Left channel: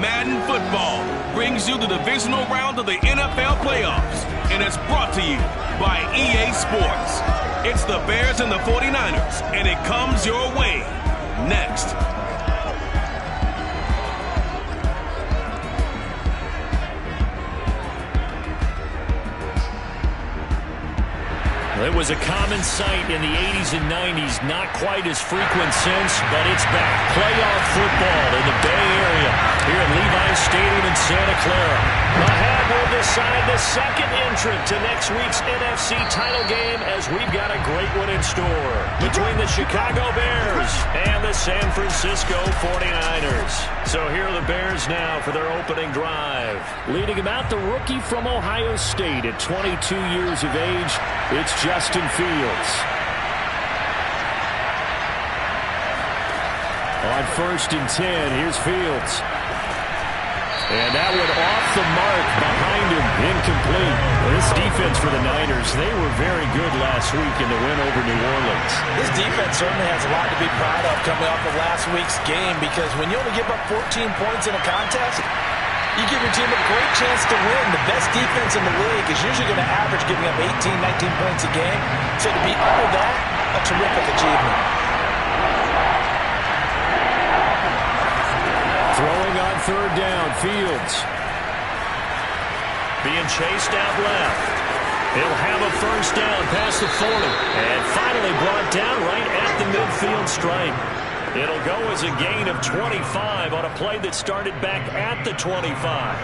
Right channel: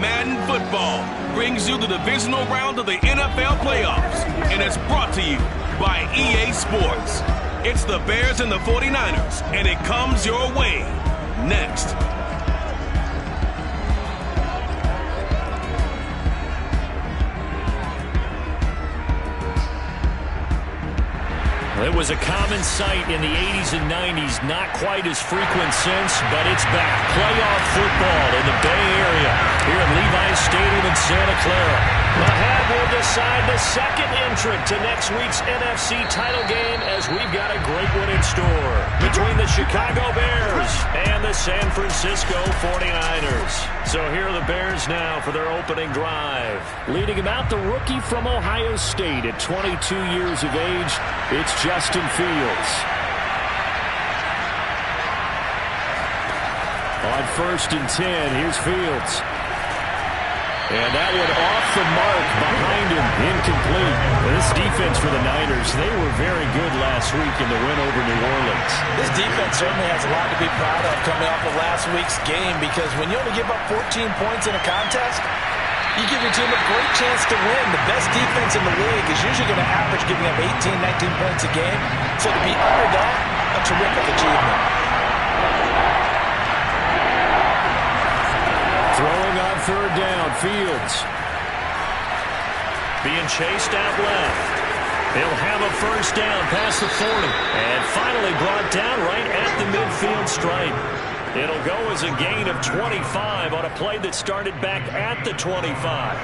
Madden Football brings you the divisional round of the NFL playoffs, and it's brought to you by EA Sports. It's the Bears and the 49ers, and it comes your way next. It was a common sight in the 80s and 90s, not quite as frequent since, but it's back. Playoff football in the Bay Area here at Levi's Stadium in Santa Clara. Ahead will decide the second entrant to next week's NFC title game, as we've got a great one in store between the Chicago Bears and the San Francisco 49ers. So here are the Bears now for their opening drive. Leading him out, the rookie from Ohio State at 22 years of age, it's Justin Fields. On 1st and 10, here's Fields. And that one off the mark behind him, incomplete. This defense for the Niners, they were very good last week in the win over New Orleans. This defense certainly has a lot to be proud of coming off of last week's game, because when you only give up 14 points in a contest, you give your team a great chance to win. The best defense in the league is usually going to average giving up 18, 19 points a game. So to be under that, a terrific achievement. Throwing on 3rd down, Fields. Being chased out left. He'll have a 1st down past the 40. And finally brought down right at the midfield stripe. It'll go as a gain of 25 on a play that started back at the 25.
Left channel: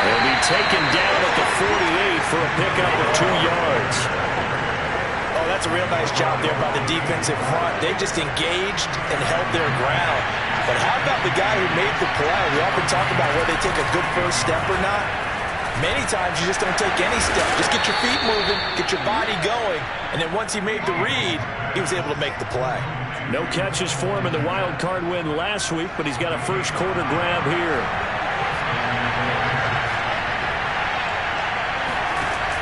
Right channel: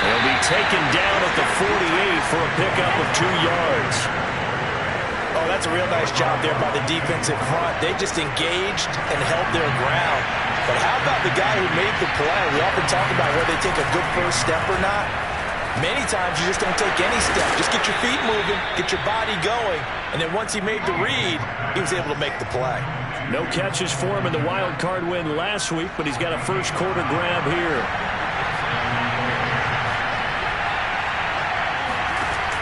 He'll be taken down at the 48 for a pickup of 2 yards. Oh, that's a real nice job there by the defensive front. They just engaged and held their ground. But how about the guy who made the play? We often talk about whether they take a good first step or not. Many times you just don't take any step. Just get your feet moving, get your body going, and then once he made the read, he was able to make the play. No catches for him in the wild card win last week, but he's got a first quarter grab here.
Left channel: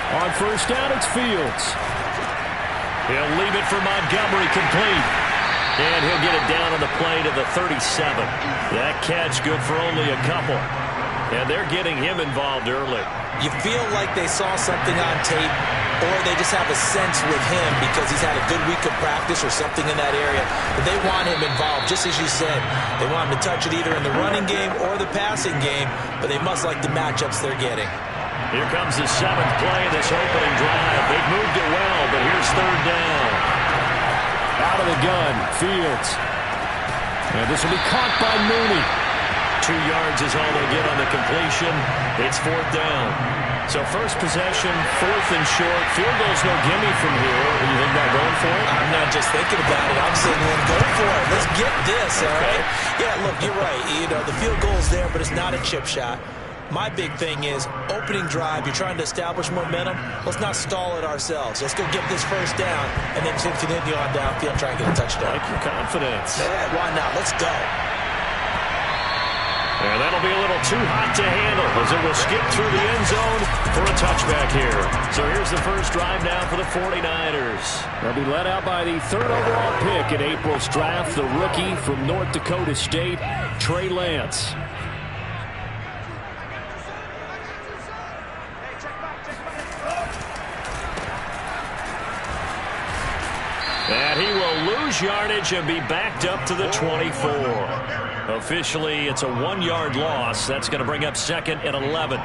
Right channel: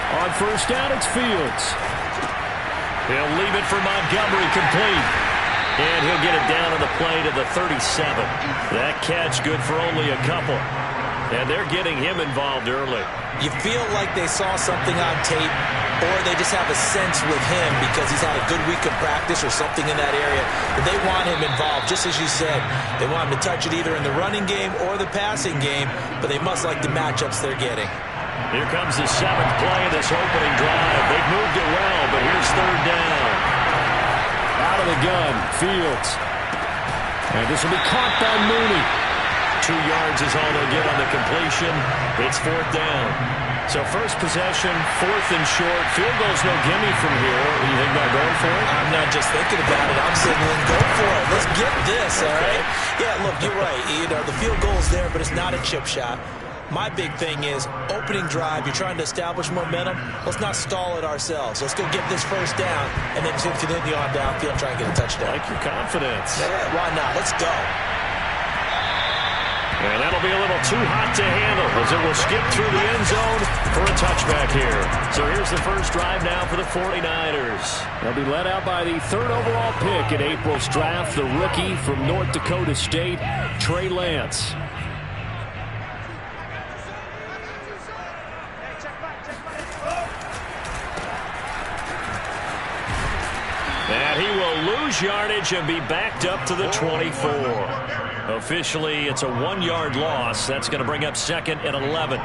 On 1st down, it's Fields. He'll leave it for Montgomery, complete. And he'll get it down on the play to the 37. That catch good for only a couple. And they're getting him involved early. You feel like they saw something on tape, or they just have a sense with him because he's had a good week of practice or something in that area, that they want him involved, just as you said. They want him to touch it either in the running game or the passing game, but they must like the matchups they're getting. Here comes the 7th play of this opening drive. They've moved it well, but here's 3rd down. Out of the gun, Fields. And this will be caught by Mooney. 2 yards is all they get on the completion. It's 4th down. So first possession, 4th and short. Field goal's no gimme from here. You think about going for it? I'm not just thinking about it. I'm signaling, go for it. Let's get this, all right? Yeah, look, you're right. You know, the field goal's there, but it's not a chip shot. My big thing is opening drive. You're trying to establish momentum. Let's not stall it ourselves. Let's go get this 1st down, and then continue on downfield, try and get a touchdown. Like your confidence. Yeah, why not? Let's go. And that'll be a little too hot to handle, as it will skip through the end zone for a touchback here. So here's the first drive now for the 49ers. They'll be led out by the 3rd overall pick in April's draft, the rookie from North Dakota State, Trey Lance. And he will lose yardage and be backed up to the 24. Officially, it's a 1-yard loss. That's going to bring up 2nd and 11.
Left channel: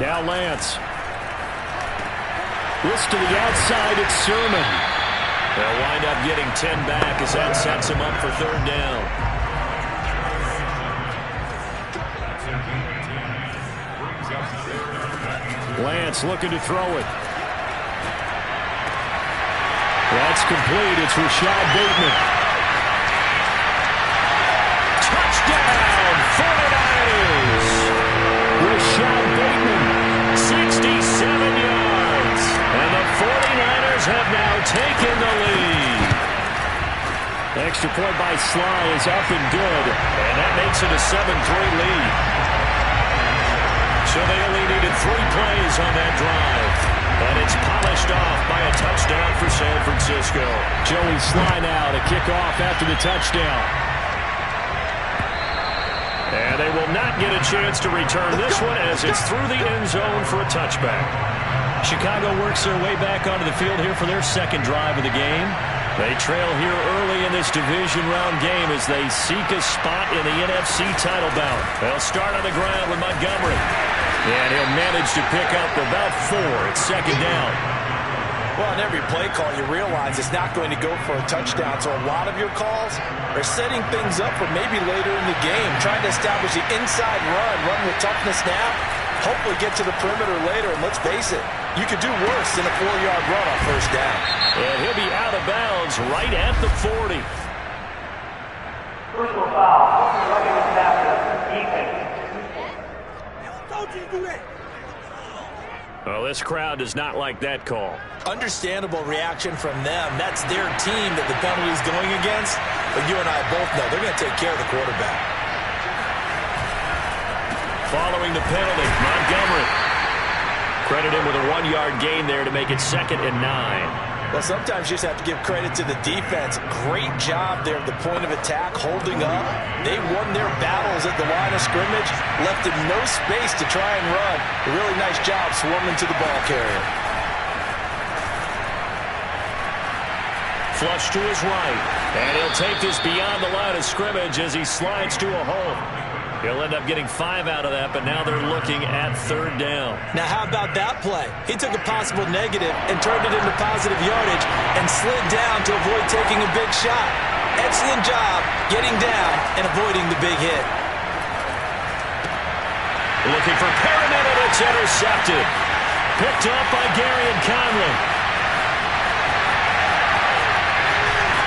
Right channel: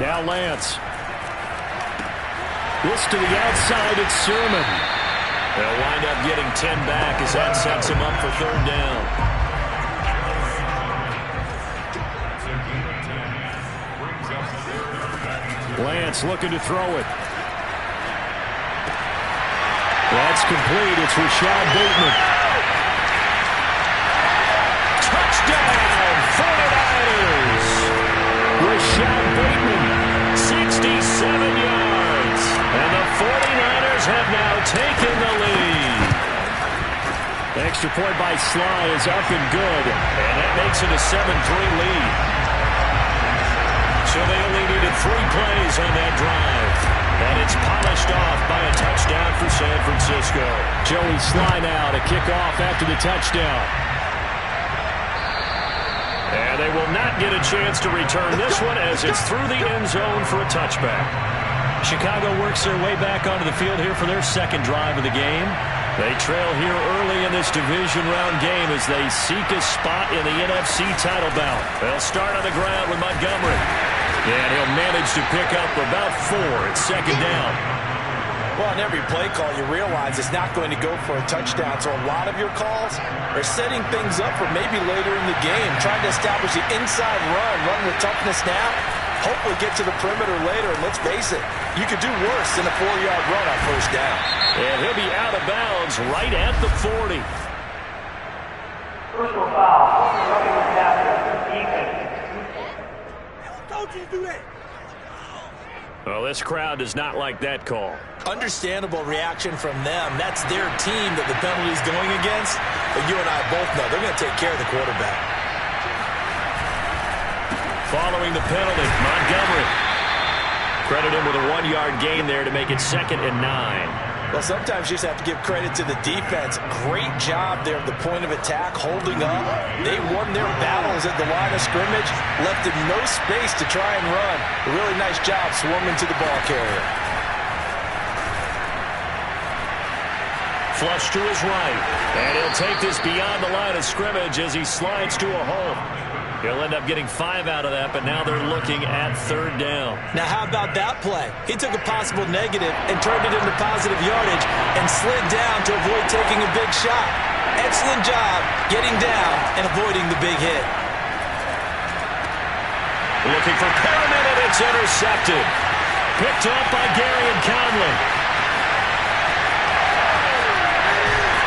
Now Lance. This to the outside, it's Sermon. They'll wind up getting 10 back as that sets him up for 3rd down. Lance looking to throw it. That's complete. It's Rashad Bateman. Touchdown, 49ers. Rashad Bateman, 67 yards. And the 49ers have now taken the lead. Extra point by Sly is up and good, and that makes it a 7-3 lead. So they only needed 3 plays on that drive, and it's polished off by a touchdown for San Francisco. Joey Sly now to kick off after the touchdown. And they will not get a chance to return this one as it's through the end zone for a touchback. Chicago works their way back onto the field here for their second drive of the game. They trail here early in this division round game as they seek a spot in the NFC title bout. They'll start on the ground with Montgomery. And he'll manage to pick up about 4. It's second down. Well, on every play call, you realize it's not going to go for a touchdown. So a lot of your calls are setting things up for maybe later in the game, trying to establish the inside run with toughness now, hopefully get to the perimeter later. And let's face it, you could do worse than a 4-yard run on first down. And he'll be out of bounds right at the 40. Personal foul. Running the passer. Defense. Don't you do that. Well, this crowd does not like that call. Understandable reaction from them. That's their team that the penalty is going against. But you and I both know they're going to take care of the quarterback. Following the penalty, Montgomery. Credit him with a 1-yard gain there to make it 2nd and 9. Well, sometimes you just have to give credit to the defense. Great job there at the point of attack, holding up. They won their battles at the line of scrimmage, left him no space to try and run. A really nice job swarming to the ball carrier. Flush to his right, and he'll take this beyond the line of scrimmage as he slides to a hole. He'll end up getting 5 out of that, but now they're looking at 3rd down. Now, how about that play? He took a possible negative and turned it into positive yardage and slid down to avoid taking a big shot. Excellent job getting down and avoiding the big hit. Looking for Perriman, and it's intercepted. Picked up by Gary and Conley.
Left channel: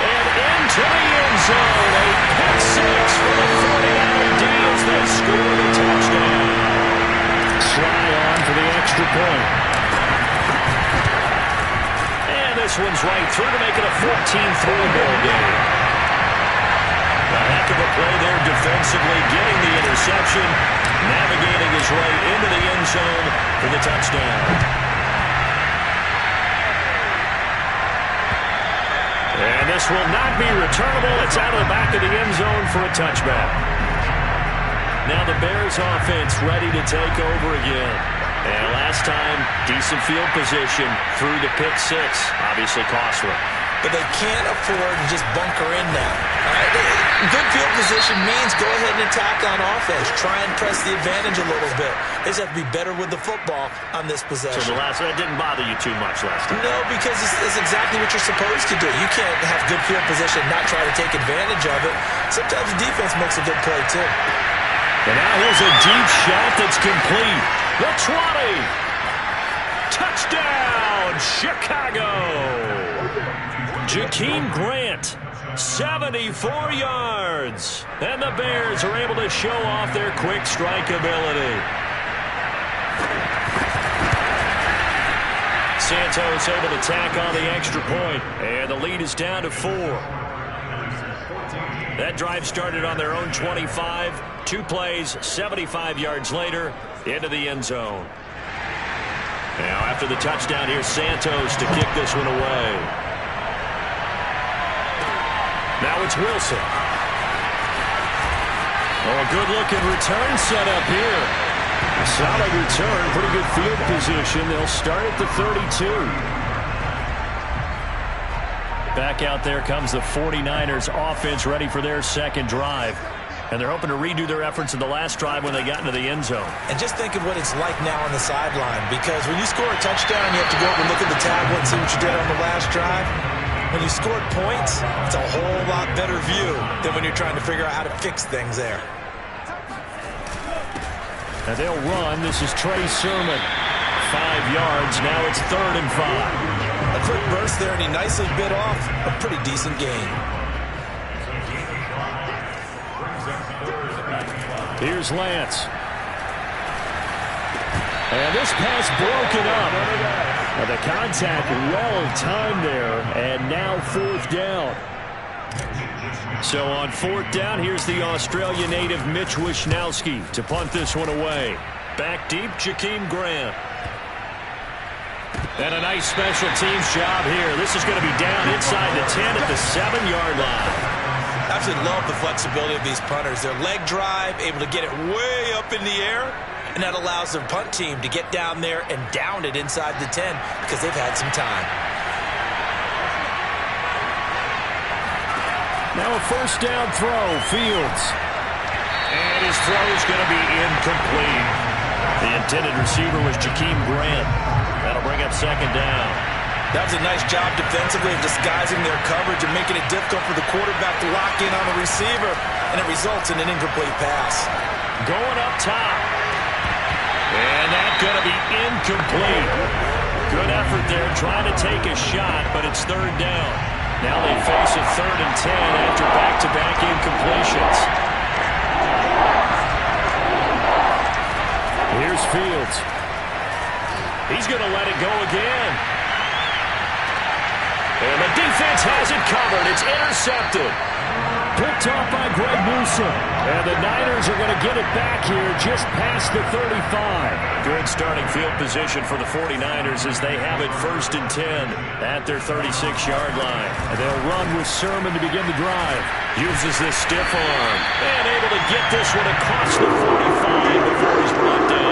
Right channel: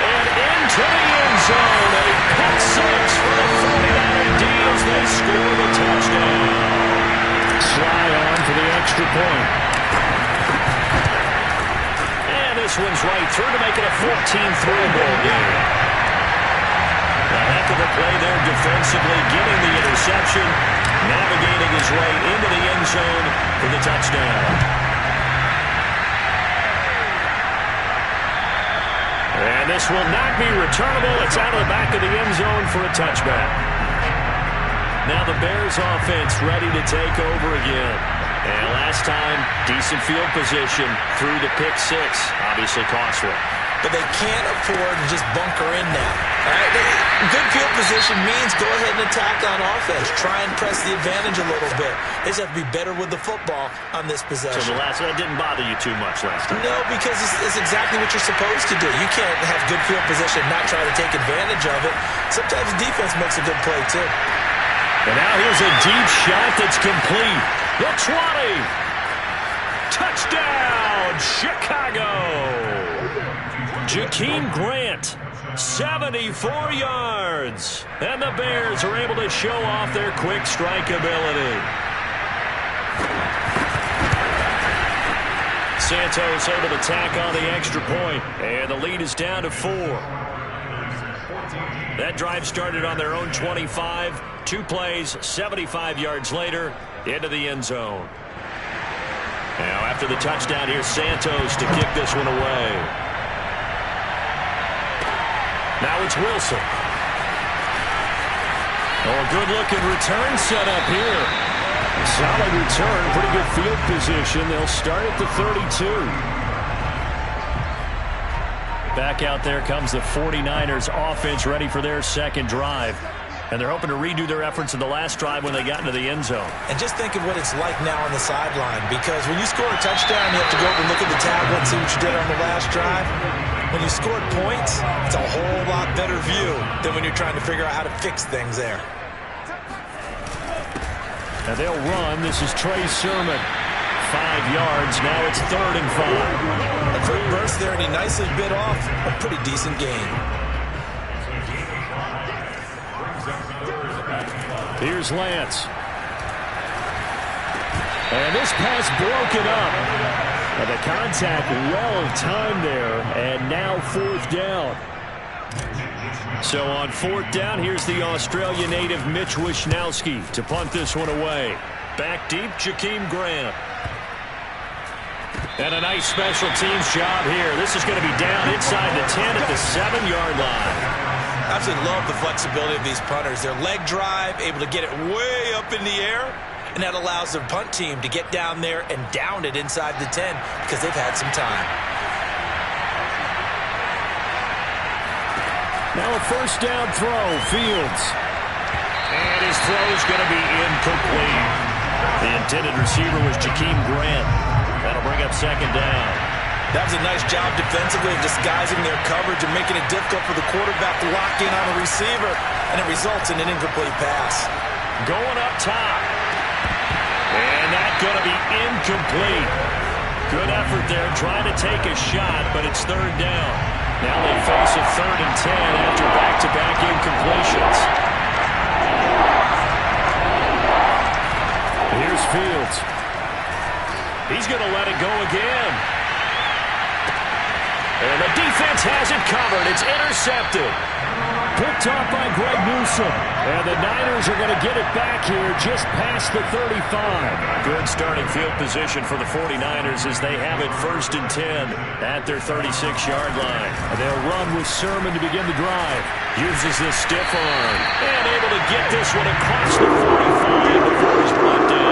And into the end zone, a pick 6 for the 49er D as they score the touchdown. Sly on for the extra point. And this one's right through to make it a 14-3 ball game. A heck of a play there defensively, getting the interception, navigating his way into the end zone for the touchdown. And this will not be returnable. It's out of the back of the end zone for a touchback. Now the Bears offense ready to take over again. And last time, decent field position through the pick 6. Obviously costly. But they can't afford to just bunker in now. All right? Good field position means go ahead and attack on offense. Try and press the advantage a little bit. They just have to be better with the football on this possession. So that didn't bother you too much last time? No, because it's exactly what you're supposed to do. You can't have good field position and not try to take advantage of it. Sometimes the defense makes a good play, too. And now here's a deep shot that's complete. The 20. Touchdown, Chicago. Jakeem Grant, 74 yards. And the Bears are able to show off their quick strike ability. Santos able to tack on the extra point. And the lead is down to 4. That drive started on their own 25. 2 plays, 75 yards later, into the end zone. Now after the touchdown, here's Santos to kick this one away. Now it's Wilson. Oh, a good-looking return set up here. A solid return, pretty good field position. They'll start at the 32. Back out there comes the 49ers offense ready for their second drive. And they're hoping to redo their efforts in the last drive when they got into the end zone. And just think of what it's like now on the sideline, because when you score a touchdown, you have to go over and look at the tablet and see what you did on the last drive. When you scored points, it's a whole lot better view than when you're trying to figure out how to fix things there. And they'll run. This is Trey Sermon. 5 yards. Now it's 3rd and 5. A quick burst there, and he nicely bit off a pretty decent gain. Here's Lance. And this pass broken up. The contact well timed there, and now 4th down. So on 4th down, here's the Australia native Mitch Wishnowsky to punt this one away. Back deep, Jakeem Grant. And a nice special teams job here. This is going to be down inside the 10 at the 7-yard line. I absolutely love the flexibility of these punters. Their leg drive, able to get it way up in the air, and that allows their punt team to get down there and down it inside the 10 because they've had some time. Now a 1st down throw, Fields. And his throw is going to be incomplete. The intended receiver was Jakeem Grant. That'll bring up 2nd down. That was a nice job defensively of disguising their coverage and making it difficult for the quarterback to lock in on the receiver, and it results in an incomplete pass. Going up top. And that's going to be incomplete. Good effort there trying to take a shot, but it's 3rd down. Now they face a 3rd and 10 after back-to-back incompletions. Here's Fields. He's going to let it go again. And the defense has it covered. It's intercepted. Picked off by Greg Newsome. And the Niners are going to get it back here just past the 35. Good starting field position for the 49ers as they have it 1st and 10 at their 36-yard line. And they'll run with Sermon to begin the drive. Uses the stiff arm. And able to get this one across the 45 before he's brought down.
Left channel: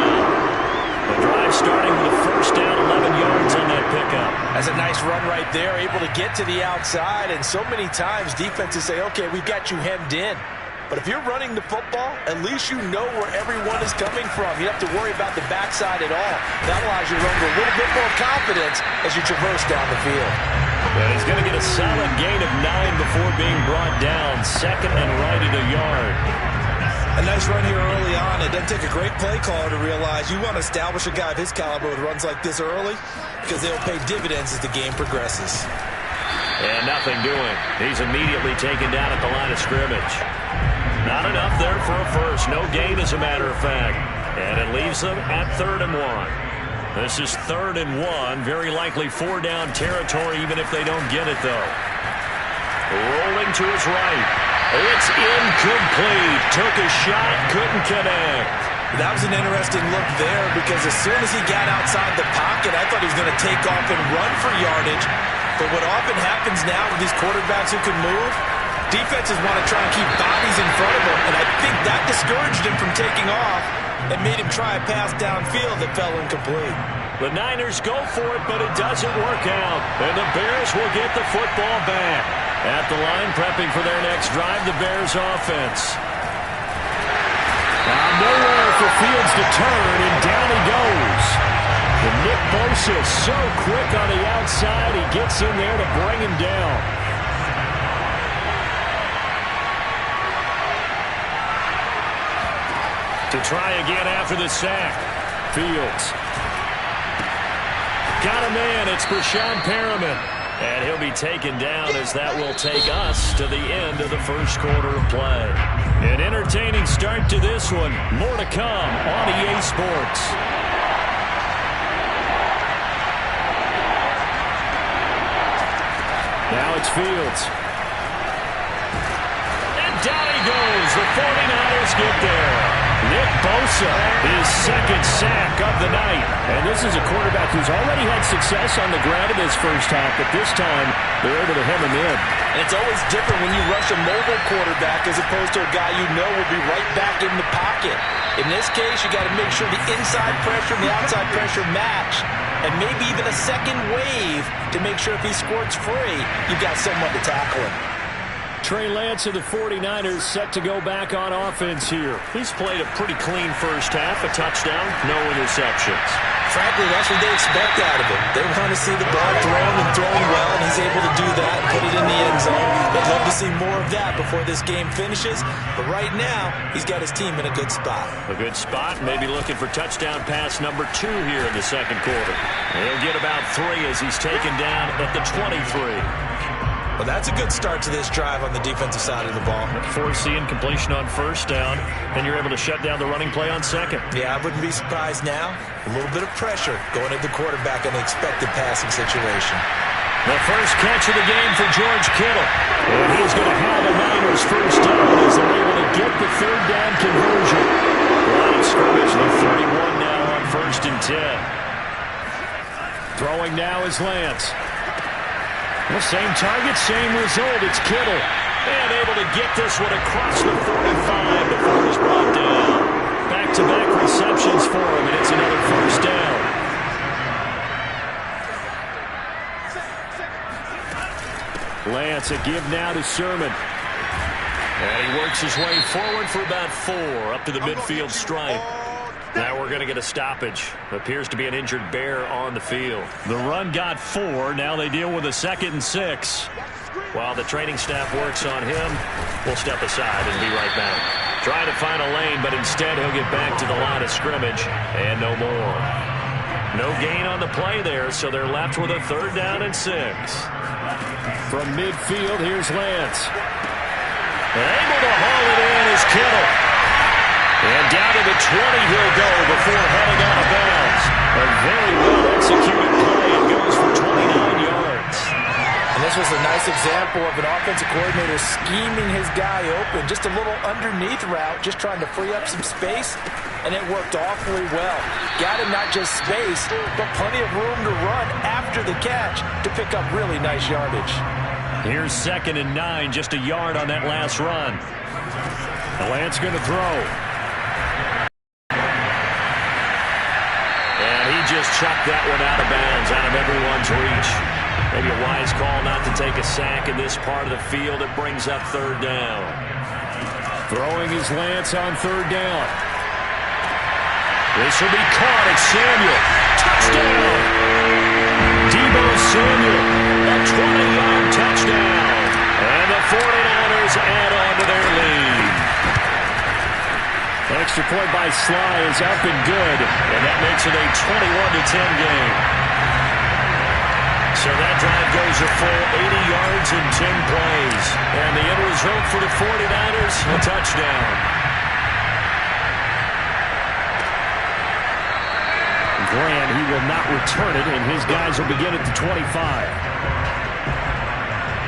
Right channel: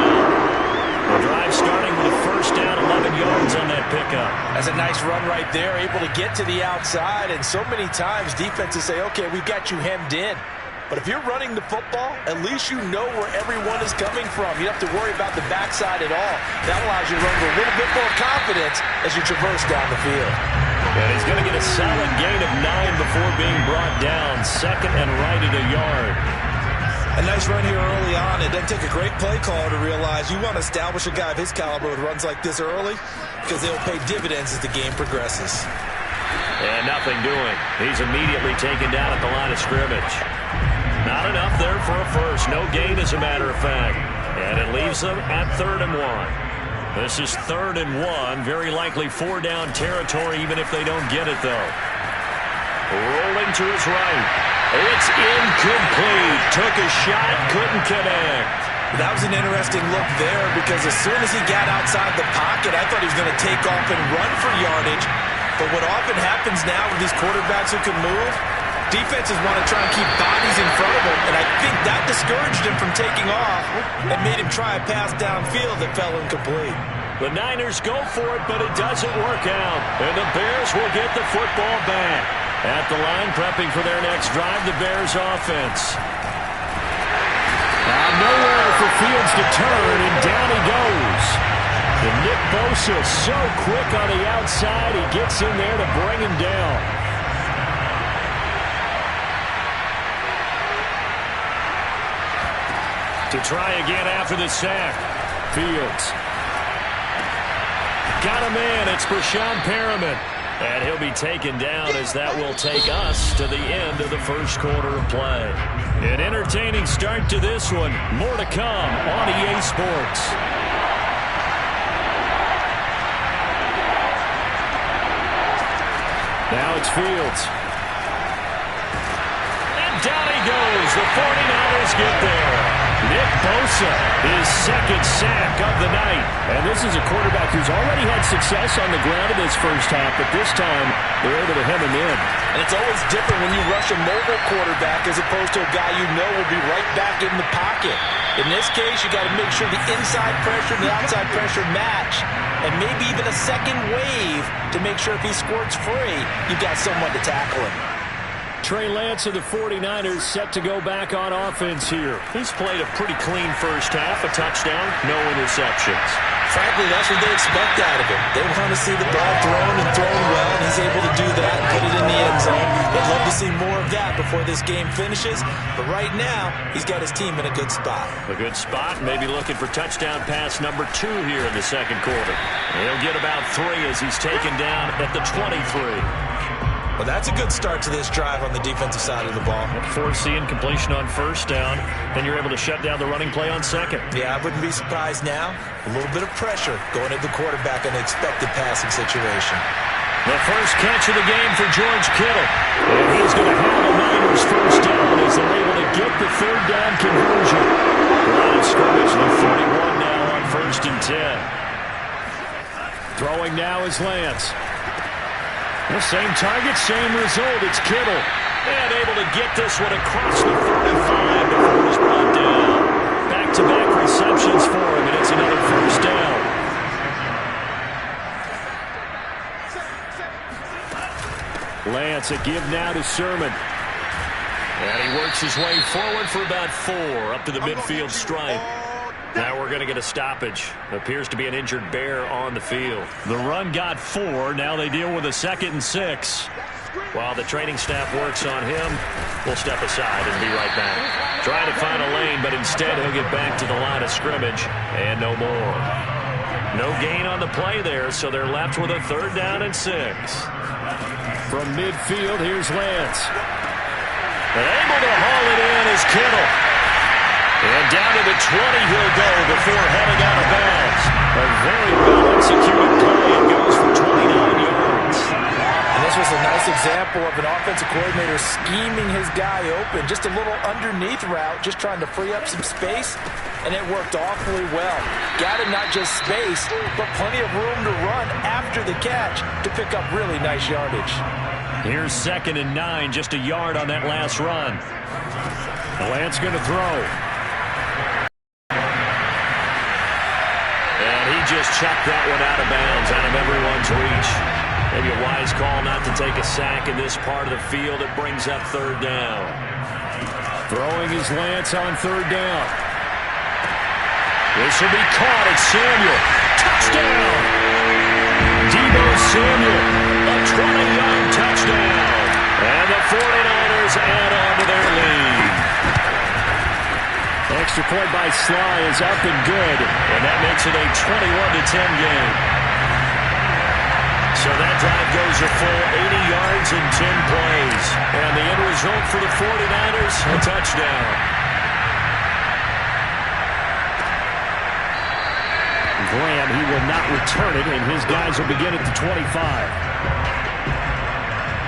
The drive starting with a 1st down, 11 yards on that pickup. That's a nice run right there, able to get to the outside. And so many times defenses say, okay, we've got you hemmed in. But if you're running the football, at least you know where everyone is coming from. You don't have to worry about the backside at all. That allows you to run with a little bit more confidence as you traverse down the field. And he's going to get a solid gain of 9 before being brought down. 2nd and right at a yard. A nice run here early on. It doesn't take a great play caller to realize you want to establish a guy of his caliber with runs like this early because they'll pay dividends as the game progresses. And nothing doing. He's immediately taken down at the line of scrimmage. Not enough there for a first. No gain, as a matter of fact. And it leaves them at 3rd and 1. This is 3rd and 1. Very likely 4-down territory, even if they don't get it, though. Rolling to his right. It's incomplete. Took a shot, couldn't connect. That was an interesting look there because as soon as he got outside the pocket, I thought he was going to take off and run for yardage. But what often happens now with these quarterbacks who can move, defenses want to try and keep bodies in front of them, and I think that discouraged him from taking off and made him try a pass downfield that fell incomplete. The Niners go for it, but it doesn't work out. And the Bears will get the football back. At the line, prepping for their next drive, the Bears offense. Now nowhere for Fields to turn, and down he goes. And Nick Bosa so quick on the outside, he gets in there to bring him down. To try again after the sack. Fields. Got a man. It's Brashad Perriman. And he'll be taken down as that will take us to the end of the 1st quarter of play. An entertaining start to this one. More to come on EA Sports. Now it's Fields. And down he goes. The 49ers get there. Nick Bosa, his 2nd sack of the night. And this is a quarterback who's already had success on the ground in this 1st half, but this time they're able to hem him in. And it's always different when you rush a mobile quarterback as opposed to a guy you know will be right back in the pocket. In this case, you got to make sure the inside pressure and the outside pressure match. And maybe even a second wave to make sure if he squirts free, you've got someone to tackle him. Trey Lance of the 49ers set to go back on offense here. He's played a pretty clean 1st half, a touchdown, no interceptions. Frankly, that's what they expect out of him. They want to see the ball thrown and thrown well, and he's able to do that and put it in the end zone. They'd love to see more of that before this game finishes, but right now, he's got his team in a good spot. A good spot, maybe looking for touchdown pass number 2 here in the 2nd quarter. He'll get about 3 as he's taken down at the 23. Well, that's a good start to this drive on the defensive side of the ball. Forcing completion on 1st down, and you're able to shut down the running play on 2nd. Yeah, I wouldn't be surprised now. A little bit of pressure going at the quarterback in an expected passing situation. The first catch of the game for George Kittle. And he's going to have a Niners first down as they're able to get the third down conversion. Line of scrimmage, the 41 now on 1st and 10. Throwing now is Lance. The same target, same result. It's Kittle. And able to get this one across the 35 before he's brought down. Back-to-back receptions for him, and it's another first down. Lance, a give now to Sermon. And he works his way forward for about 4 up to the midfield stripe. Now we're going to get a stoppage. Appears to be an injured Bear on the field. The run got 4. Now they deal with a 2nd and 6. While the training staff works on him, we'll step aside and be right back. Trying to find a lane, but instead he'll get back to the line of scrimmage and no more. No gain on the play there, so they're left with a 3rd down and 6. From midfield, here's Lance. And able to haul it in is Kittle. And down to the 20 he'll go before heading out of bounds. A very well-executed play. It goes for 29 yards. And this was a nice example of an offensive coordinator scheming his guy open. Just a little underneath route, just trying to free up some space. And it worked awfully well. Got him not just space, but plenty of room to run after the catch to pick up really nice yardage. Here's 2nd and 9, just a yard on that last run. Lance going to throw. And he just chucked that one out of bounds, out of everyone's reach. Maybe a wise call not to take a sack in this part of the field. It brings up 3rd down. Throwing is Lance on 3rd down. This will be caught. It's Samuel. Touchdown! Deebo Samuel, a 20-yard touchdown. And the 49ers add on to their lead. Extra point by Sly is up and good. And that makes it a 21-10 game. So that drive goes a full 80 yards in 10 plays. And the end result for the 49ers, a touchdown. Grant, he will not return it, and his guys will begin at the 25.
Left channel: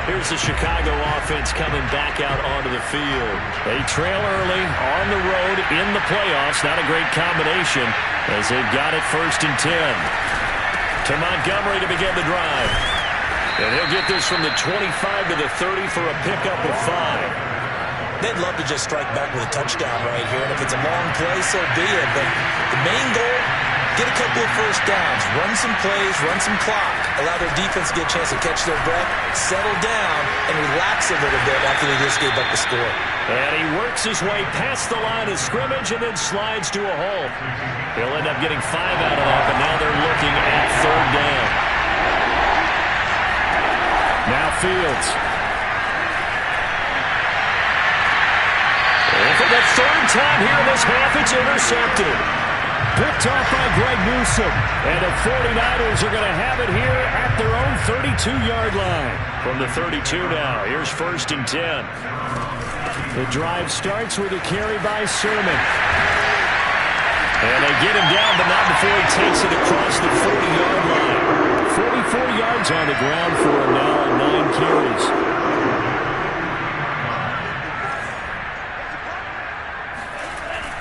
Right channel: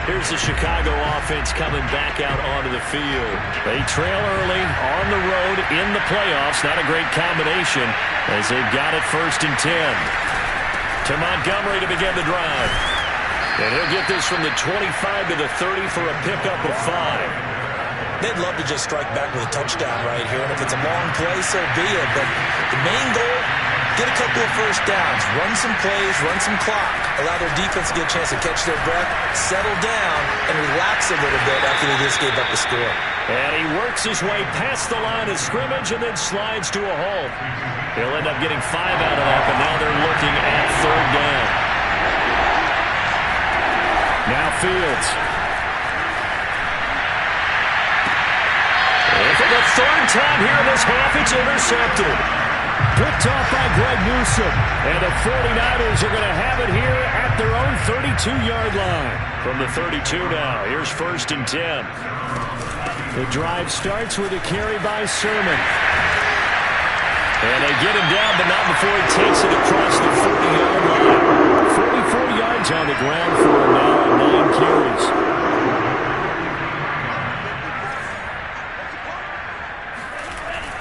Here's the Chicago offense coming back out onto the field. They trail early on the road in the playoffs. Not a great combination as they've got it 1st and 10. To Montgomery to begin the drive. And he'll get this from the 25 to the 30 for a pickup of 5. They'd love to just strike back with a touchdown right here. And if it's a long play, so be it. But the main goal, get a couple of first downs, run some plays, run some clock, allow their defense to get a chance to catch their breath, settle down, and relax a little bit after they just gave up the score. And he works his way past the line of scrimmage and then slides to a halt. He'll end up getting 5 out of that, but now they're looking at 3rd down. Now Fields. And for the 3rd time here in this half, it's intercepted. Picked off by Greg Newsome. And the 49ers are going to have it here at their own 32-yard line. From the 32 now, here's 1st and 10. The drive starts with a carry by Sermon. And they get him down, but not before he takes it across the 40-yard line. 44 yards on the ground for him now on 9 carries.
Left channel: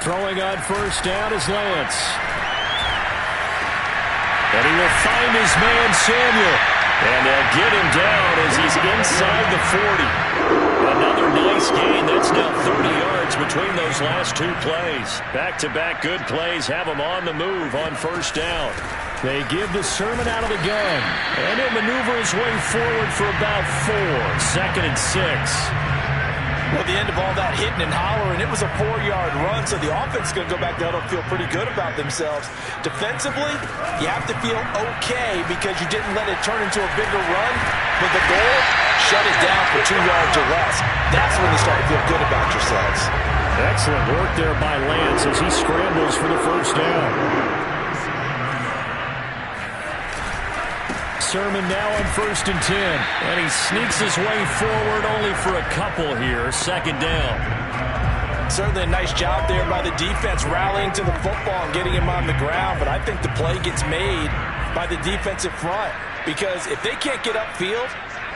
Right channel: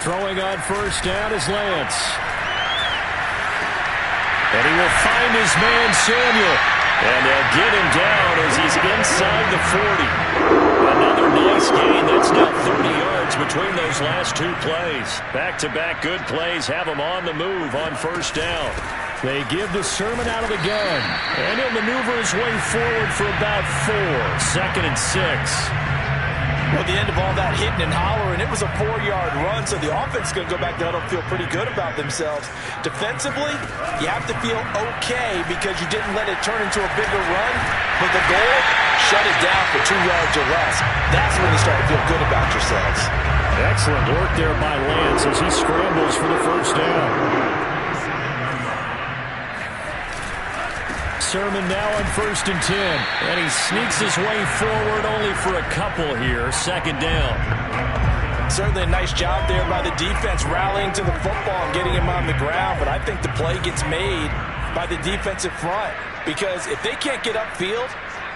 Throwing on 1st down is Lance. And he will find his man, Samuel. And they'll get him down as he's inside the 40. Another nice gain. That's now 30 yards between those last 2 plays. Back-to-back good plays have him on the move on 1st down. They give the Sermon out of the gun. And he'll maneuver his way forward for about 4. 2nd and 6. Well, at the end of all that hitting and hollering, it was a 4-yard run, so the offense is going to go back to huddle and feel pretty good about themselves. Defensively, you have to feel okay because you didn't let it turn into a bigger run, but the goal, shut it down for 2 yards or less. That's when you start to feel good about yourselves. Excellent work there by Lance as he scrambles for the 1st down. Sermon now on 1st and 10. And he sneaks his way forward only for a couple here. 2nd down. Certainly a nice job there by the defense rallying to the football and getting him on the ground. But I think the play gets made by the defensive front. because if they can't get upfield,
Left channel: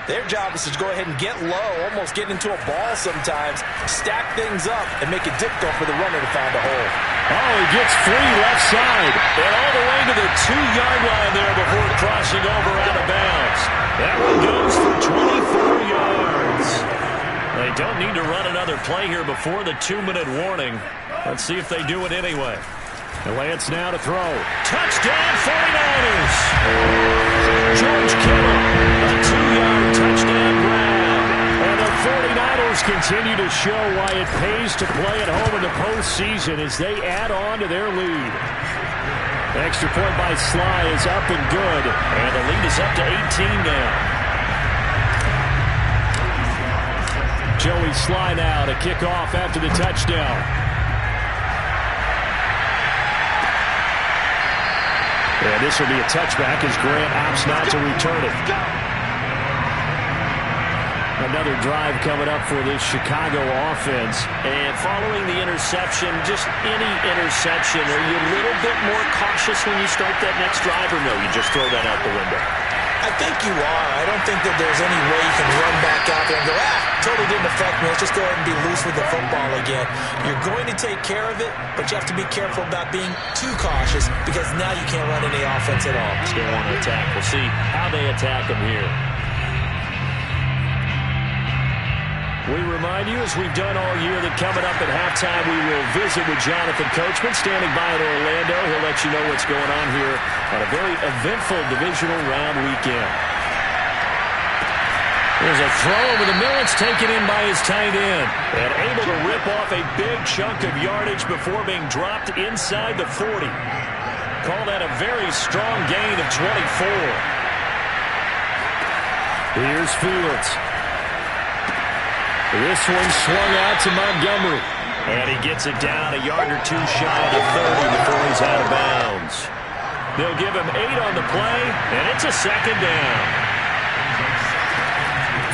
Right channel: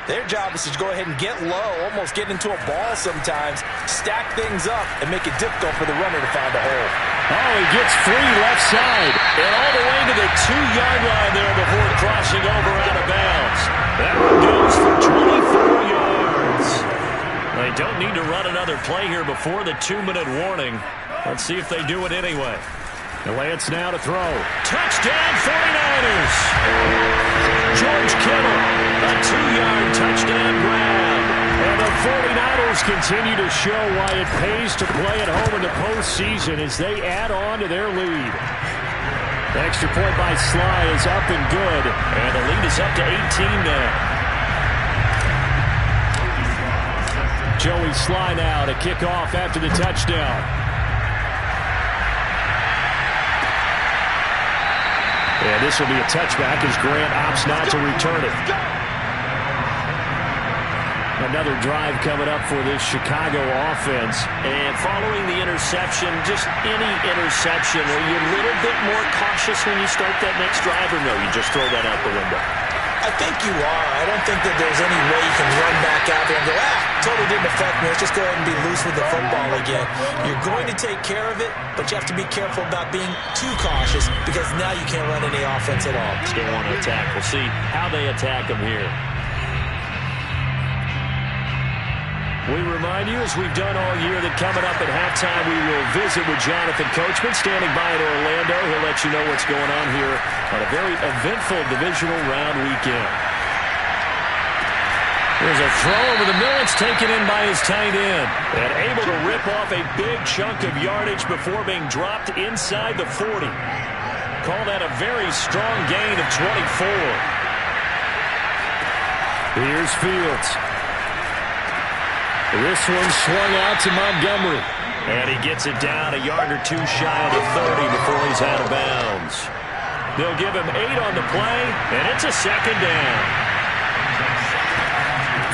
their job is to go ahead and get low, almost get into a ball sometimes, stack things up, and make it difficult for the runner to find a hole. Oh, he gets free left side, and all the way to the 2-yard line there before crossing over out of bounds. That one goes for 24 yards. They don't need to run another play here before the 2-minute warning. Let's see if they do it anyway. And Lance now to throw. Touchdown 49ers! George Kittle, a 2-yard touchdown grab. And the 49ers continue to show why it pays to play at home in the postseason as they add on to their lead. The extra point by Sly is up and good, and the lead is up to 18 now. Joey Sly now to kick off after the touchdown. And this will be a touchback as Grant opts not to return it. Another drive coming up for this Chicago offense. And following the interception, just any interception, are you a little bit more cautious when you start that next drive, or no, you just throw that out the window? I think you are. I don't think that there's any way you can run back out there and go, totally didn't affect me. Let's just go ahead and be loose with the football again. You're going to take care of it, but you have to be careful about being too cautious because now you can't run any offense at all. Still want to attack. We'll see how they attack them here. We remind you, as we've done all year, that coming up at halftime, we will visit with Jonathan Coachman, standing by in Orlando. He'll let you know what's going on here on a very eventful divisional round weekend. There's a throw over the middle. It's taken in by his tight end. And able to rip off a big chunk of yardage before being dropped inside the 40. Call that a very strong gain of 24. Here's Fields. This one swung out to Montgomery. And he gets it down a yard or two shy of the 30 before he's out of bounds. They'll give him 8 on the play, and it's a second down.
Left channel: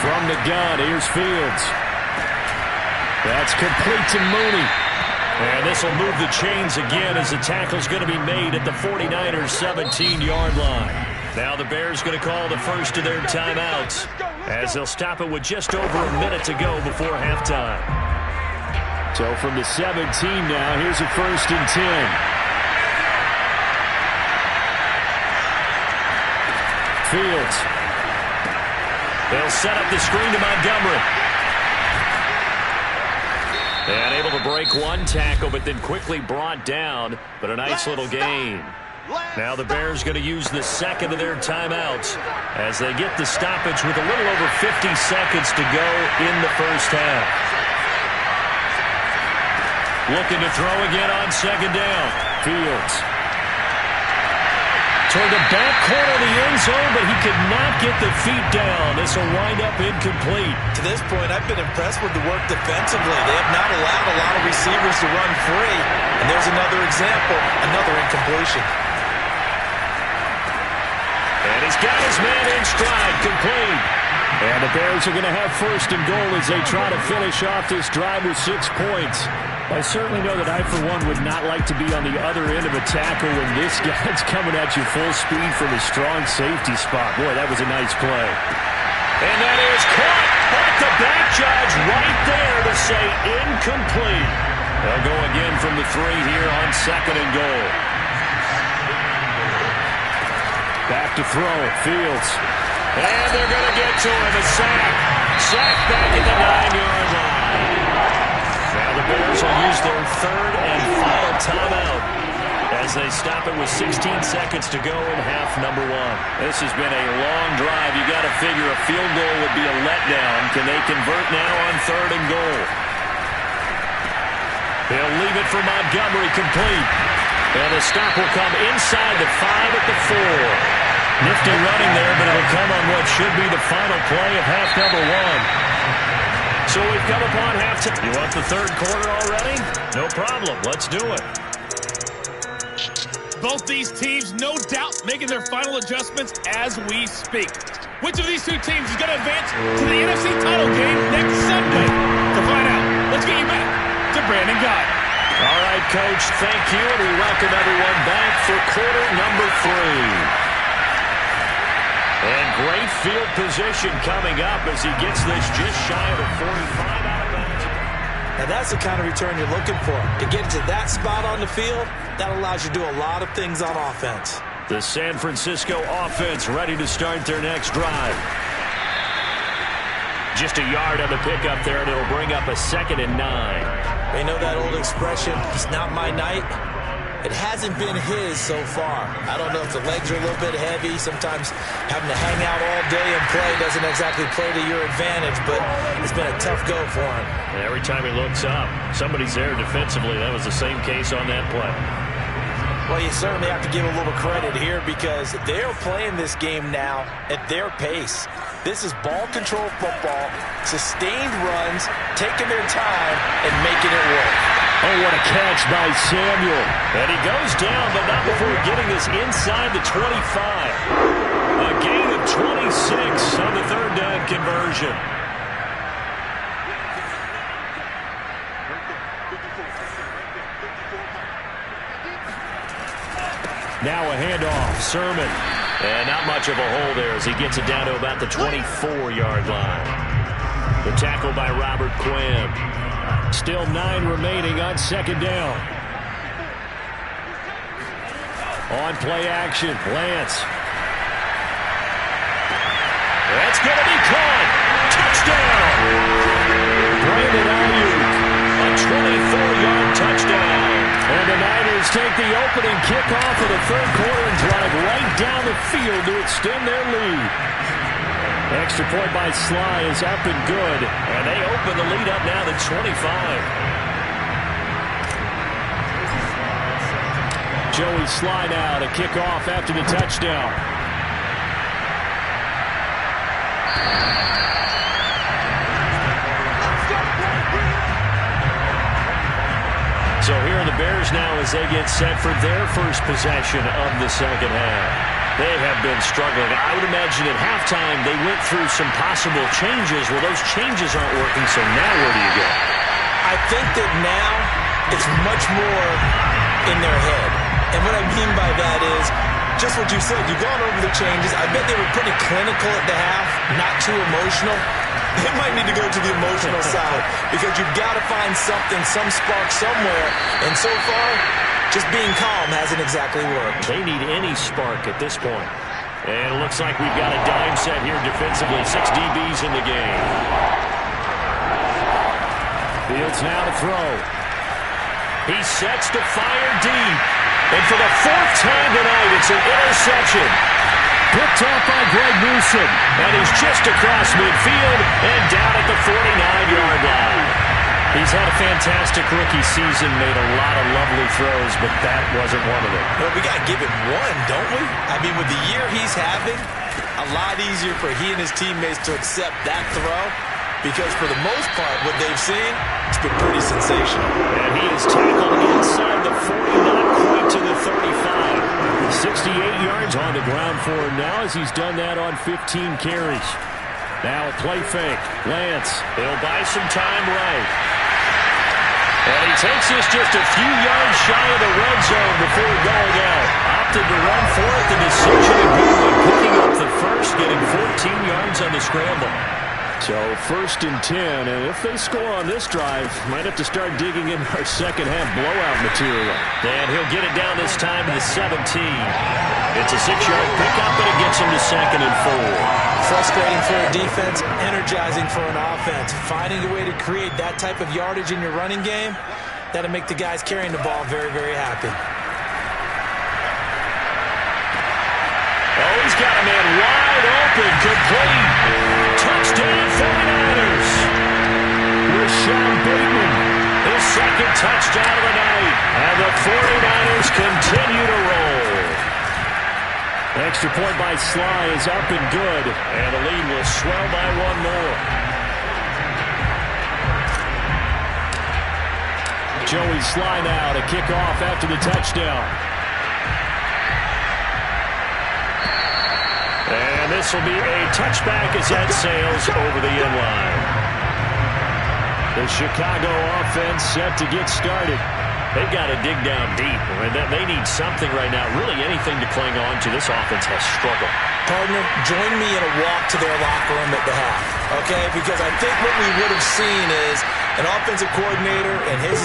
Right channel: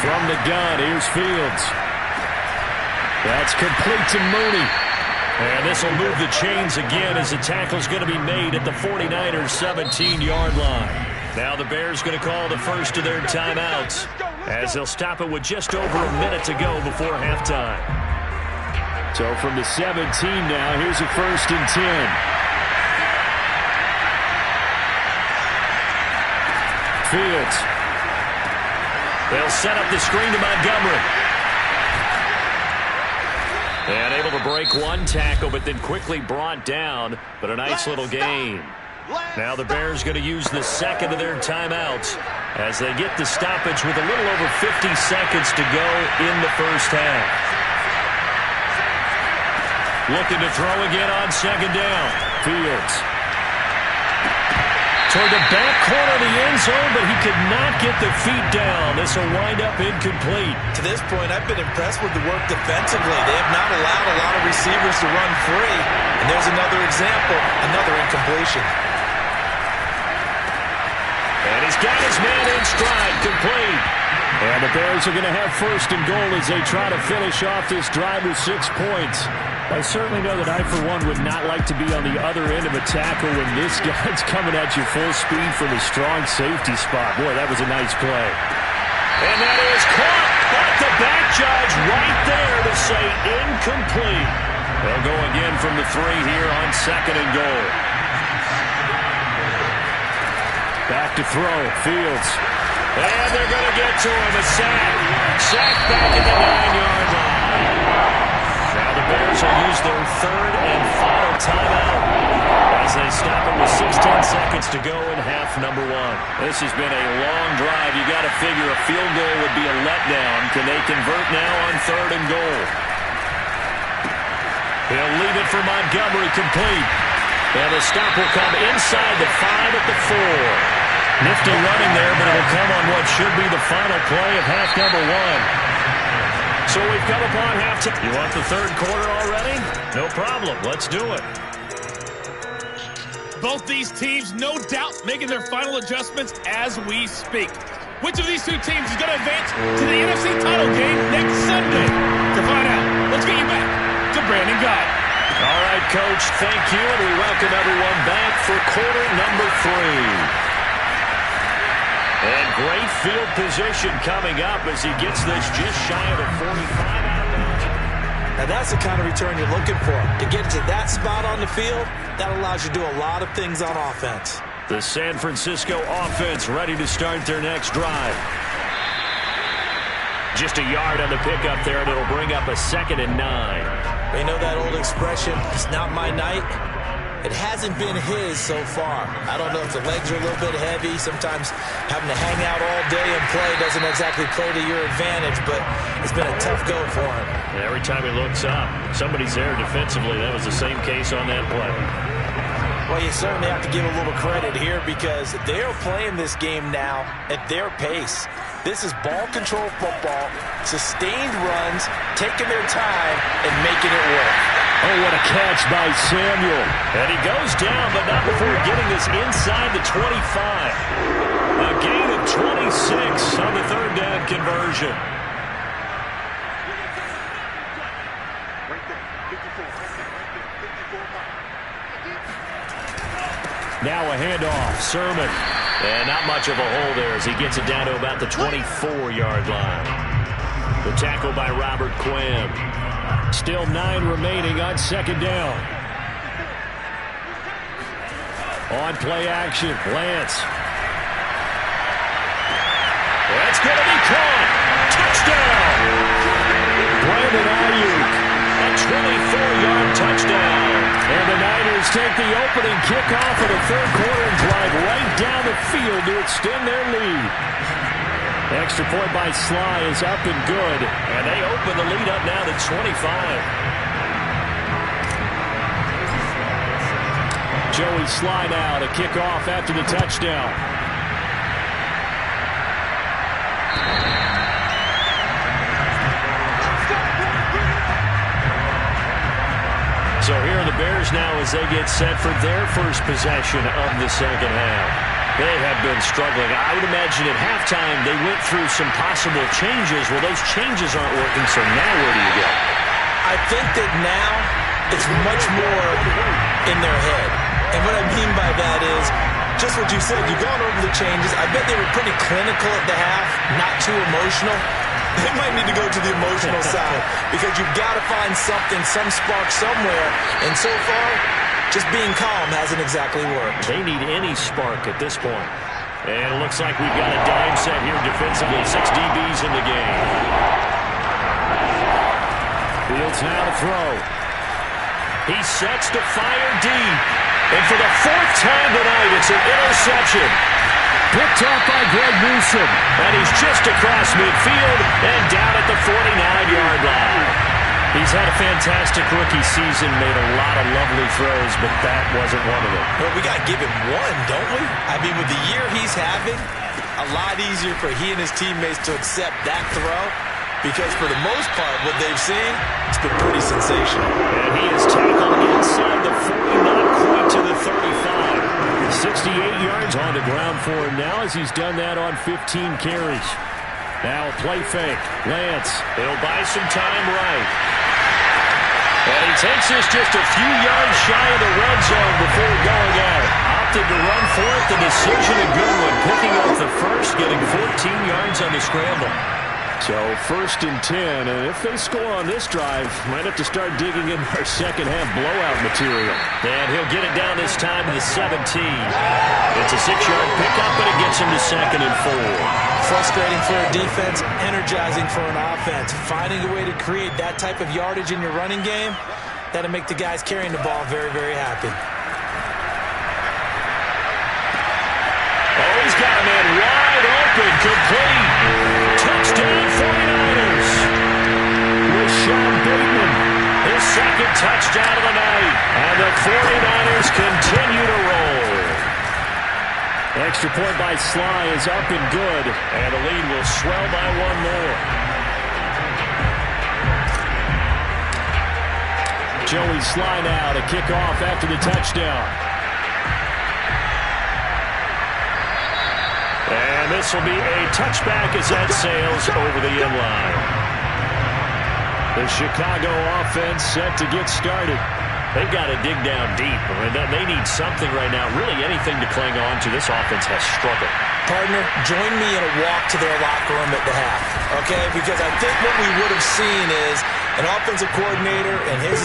From the gun, here's Fields. That's complete to Mooney. And this will move the chains again as the tackle's going to be made at the 49ers' 17-yard line. Now the Bears going to call the first of their timeouts as they'll stop it with just over a minute to go before halftime. So from the 17 now, here's a 1st and 10. Fields. They'll set up the screen to Montgomery. And able to break one tackle, but then quickly brought down. But a nice little gain. Now the Bears going to use the second of their timeouts as they get the stoppage with a little over 50 seconds to go in the first half. Looking to throw again on second down. Fields. Toward the back corner of the end zone, but he could not get the feet down. This will wind up incomplete. To this point, I've been impressed with the work defensively. They have not allowed a lot of receivers to run free. And there's another example, another incompletion. And he's got his man in stride, complete. And the Bears are going to have 1st and goal as they try to finish off this drive with 6 points. I certainly know that I, for one, would not like to be on the other end of a tackle when this guy's coming at you full speed from a strong safety spot. Boy, that was a nice play. And that is caught, but the back judge right there to say incomplete. They'll go again from the 3 here on 2nd and goal. Back to throw, Fields. And they're going to get to him, a sack. Sack back at the 9-yard line. Now the Bears will use their 3rd and final timeout as they stop it with 16 seconds to go in half number 1. This has been a long drive. You got to figure a field goal would be a letdown. Can they convert now on 3rd and goal? He'll leave it for Montgomery, complete. And the stop will come inside the 5 at the 4. Nifty running there, but it'll come on what should be the final play of half number 1. So we've come upon halftime. You want the 3rd quarter already? No problem. Let's do it. Both these teams, no doubt, making their final adjustments as we speak. Which of these two teams is going to advance to the NFC title game next Sunday? To find out, let's get you back to Brandon Gott. All right, Coach, thank you, and we welcome everyone back for quarter number 3. And great field position coming up as he gets this just shy of the 45 out of bounds. Now that's the kind of return you're looking for. To get to that spot on the field, that allows you to do a lot of things on offense. The San Francisco offense ready to start their next drive. Just a yard on the pickup there, and it'll bring up a 2nd and 9. You know that old expression, it's not my night? It hasn't been his so far. I don't know if the legs are a little bit heavy. Sometimes having to hang out all day and play doesn't exactly play to your advantage, but it's been a tough go for him. And every time he looks up, somebody's there defensively. That was the same case on that play. Well, you certainly have to give a little credit here because they're playing this game now at their pace. This is ball control football, sustained runs, taking their time, and making it work. Oh, what a catch by Samuel. And he goes down, but not before getting this inside the 25. A gain of 26 on the 3rd down conversion. Now a handoff, Sermon. And not much of a hole there as he gets it down to about the 24-yard line. The tackle by Robert Quinn. Still 9 remaining on 2nd down. On play action, Lance. That's going to be caught. Touchdown. Brandon Ayuk. A 24-yard touchdown. And the Niners take the opening kickoff of the 3rd quarter and drive right down the field to extend their lead. Extra point by Sly is up and good. And they open the lead up now to 25. Joey Sly now to kick off after the touchdown. So here are the Bears now as they get set for their first possession of the 2nd half. They have been struggling. I would imagine at halftime they went through some possible changes. Well, those changes aren't working, so now where do you go? I think that now it's much more in their head. And what I mean by that is just what you said. You've gone over the changes. I bet they were pretty clinical at the half, not too emotional. They might need to go to the emotional side because you've got to find something, some spark somewhere. And so far, just being calm hasn't exactly worked. They need any spark at this point. And it looks like we've got a dime set here defensively. 6 DBs in the game. Fields now to throw. He sets to fire deep. And for the 4th time tonight, it's an interception. Picked off by Greg Newsome. And he's just across midfield and down at the 49-yard line. He's had a fantastic rookie season, made a lot of lovely throws, but that wasn't one of them. Well, we got to give him one, don't we? I mean, with the year he's having, a lot easier for he and his teammates to accept that throw because for the most part, what they've seen, it's been pretty sensational. And he is tackled inside the 40, not quite to the 35. 68 yards on the ground for him now as he's done that on 15 carries. Now a play fake. Lance, he'll buy some time right. And he takes this just a few yards shy of the red zone before going out. Opted to run for it. The decision a good one. Picking up the first, getting 14 yards on the scramble. So 1st and 10, and if they score on this drive, might have to start digging in our 2nd half blowout material. And he'll get it down this time to the 17. It's a 6-yard pickup, but it gets him to 2nd and 4. Frustrating for a defense, energizing for an offense. Finding a way to create that type of yardage in your running game, that'll make the guys carrying the ball very, very happy. Oh, he's got a man wide open, complete. Touchdown 49ers. With Sean Bateman, his 2nd touchdown of the night. And the 49ers continue to roll. Extra point by Sly is up and good. And the lead will swell by 1 more. Joey Sly now to kick off after the touchdown. And this will be a touchback as that sails over the end line. The Chicago offense set to get started. They've got to dig down deep. I mean, they need something right now, really anything to cling on to. This offense has struggled. partner, join me in a walk to their locker room at the half, okay? Because I think what we would have seen is an offensive coordinator and his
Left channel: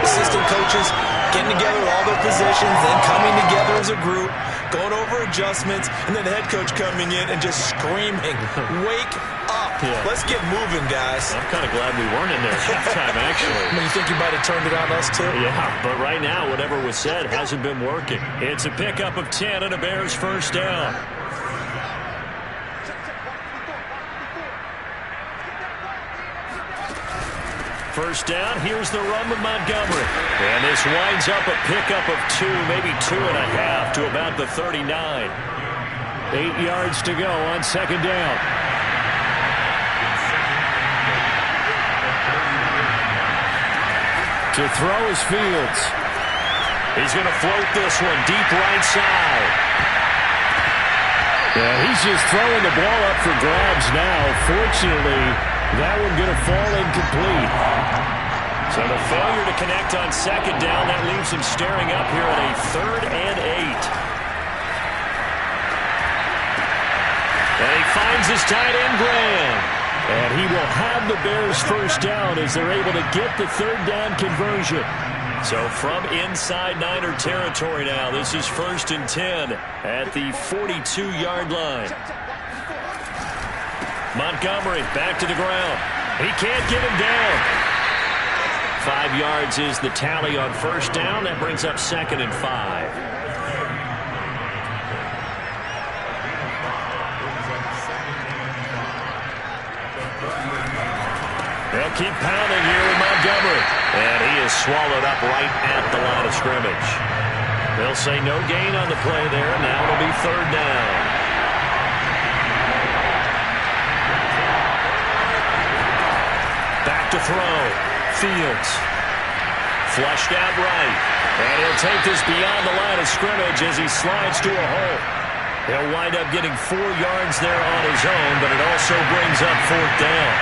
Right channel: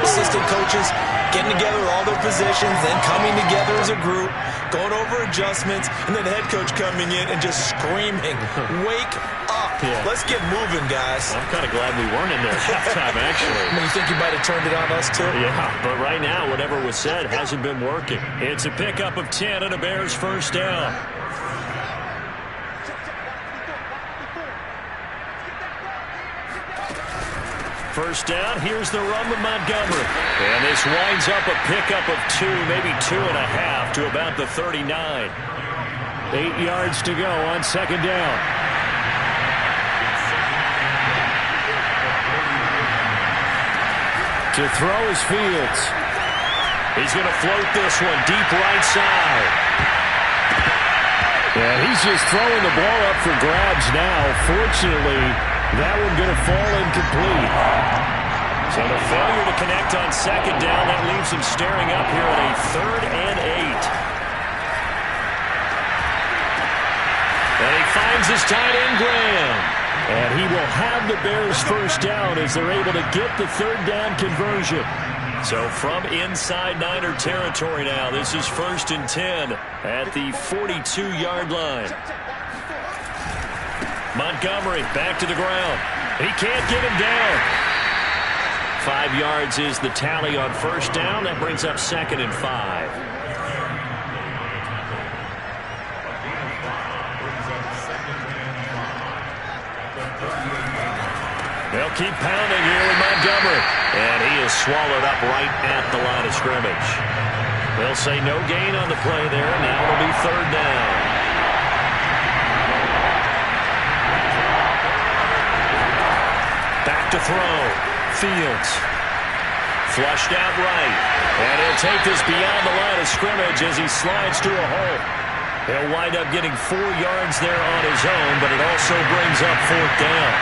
assistant coaches getting together with all their positions, then coming together as a group, going over adjustments, and then the head coach coming in and just screaming, wake up. Yeah. Let's get moving, guys. I'm kind of glad we weren't in there at halftime, actually. You think you might have turned it on us, too? Yeah, but right now, whatever was said hasn't been working. It's a pickup of 10 and a Bears first down. First down, here's the run with Montgomery. And this winds up a pickup of 2, maybe 2.5 to about the 39. 8 yards to go on second down. To throw is Fields. He's going to float this one deep right side. Yeah, he's just throwing the ball up for grabs now. Fortunately, that one going to fall incomplete. So the failure to connect on second down, that leaves him staring up here at a 3rd and 8. And he finds his tight end, Graham. And he will have the Bears first down as they're able to get the 3rd down conversion. So from inside Niner territory now, this is 1st and 10 at the 42-yard line. Montgomery back to the ground. He can't get him down. 5 yards is the tally on first down. That brings up 2nd and 5. They'll keep pounding here with Montgomery. And he is swallowed up right at the line of scrimmage. They'll say no gain on the play there. Now it'll be 3rd down. Back to throw. Fields. Flushed out right. And he'll take this beyond the line of scrimmage as he slides to a hole. He'll wind up getting 4 yards there on his own, but it also brings up 4th down.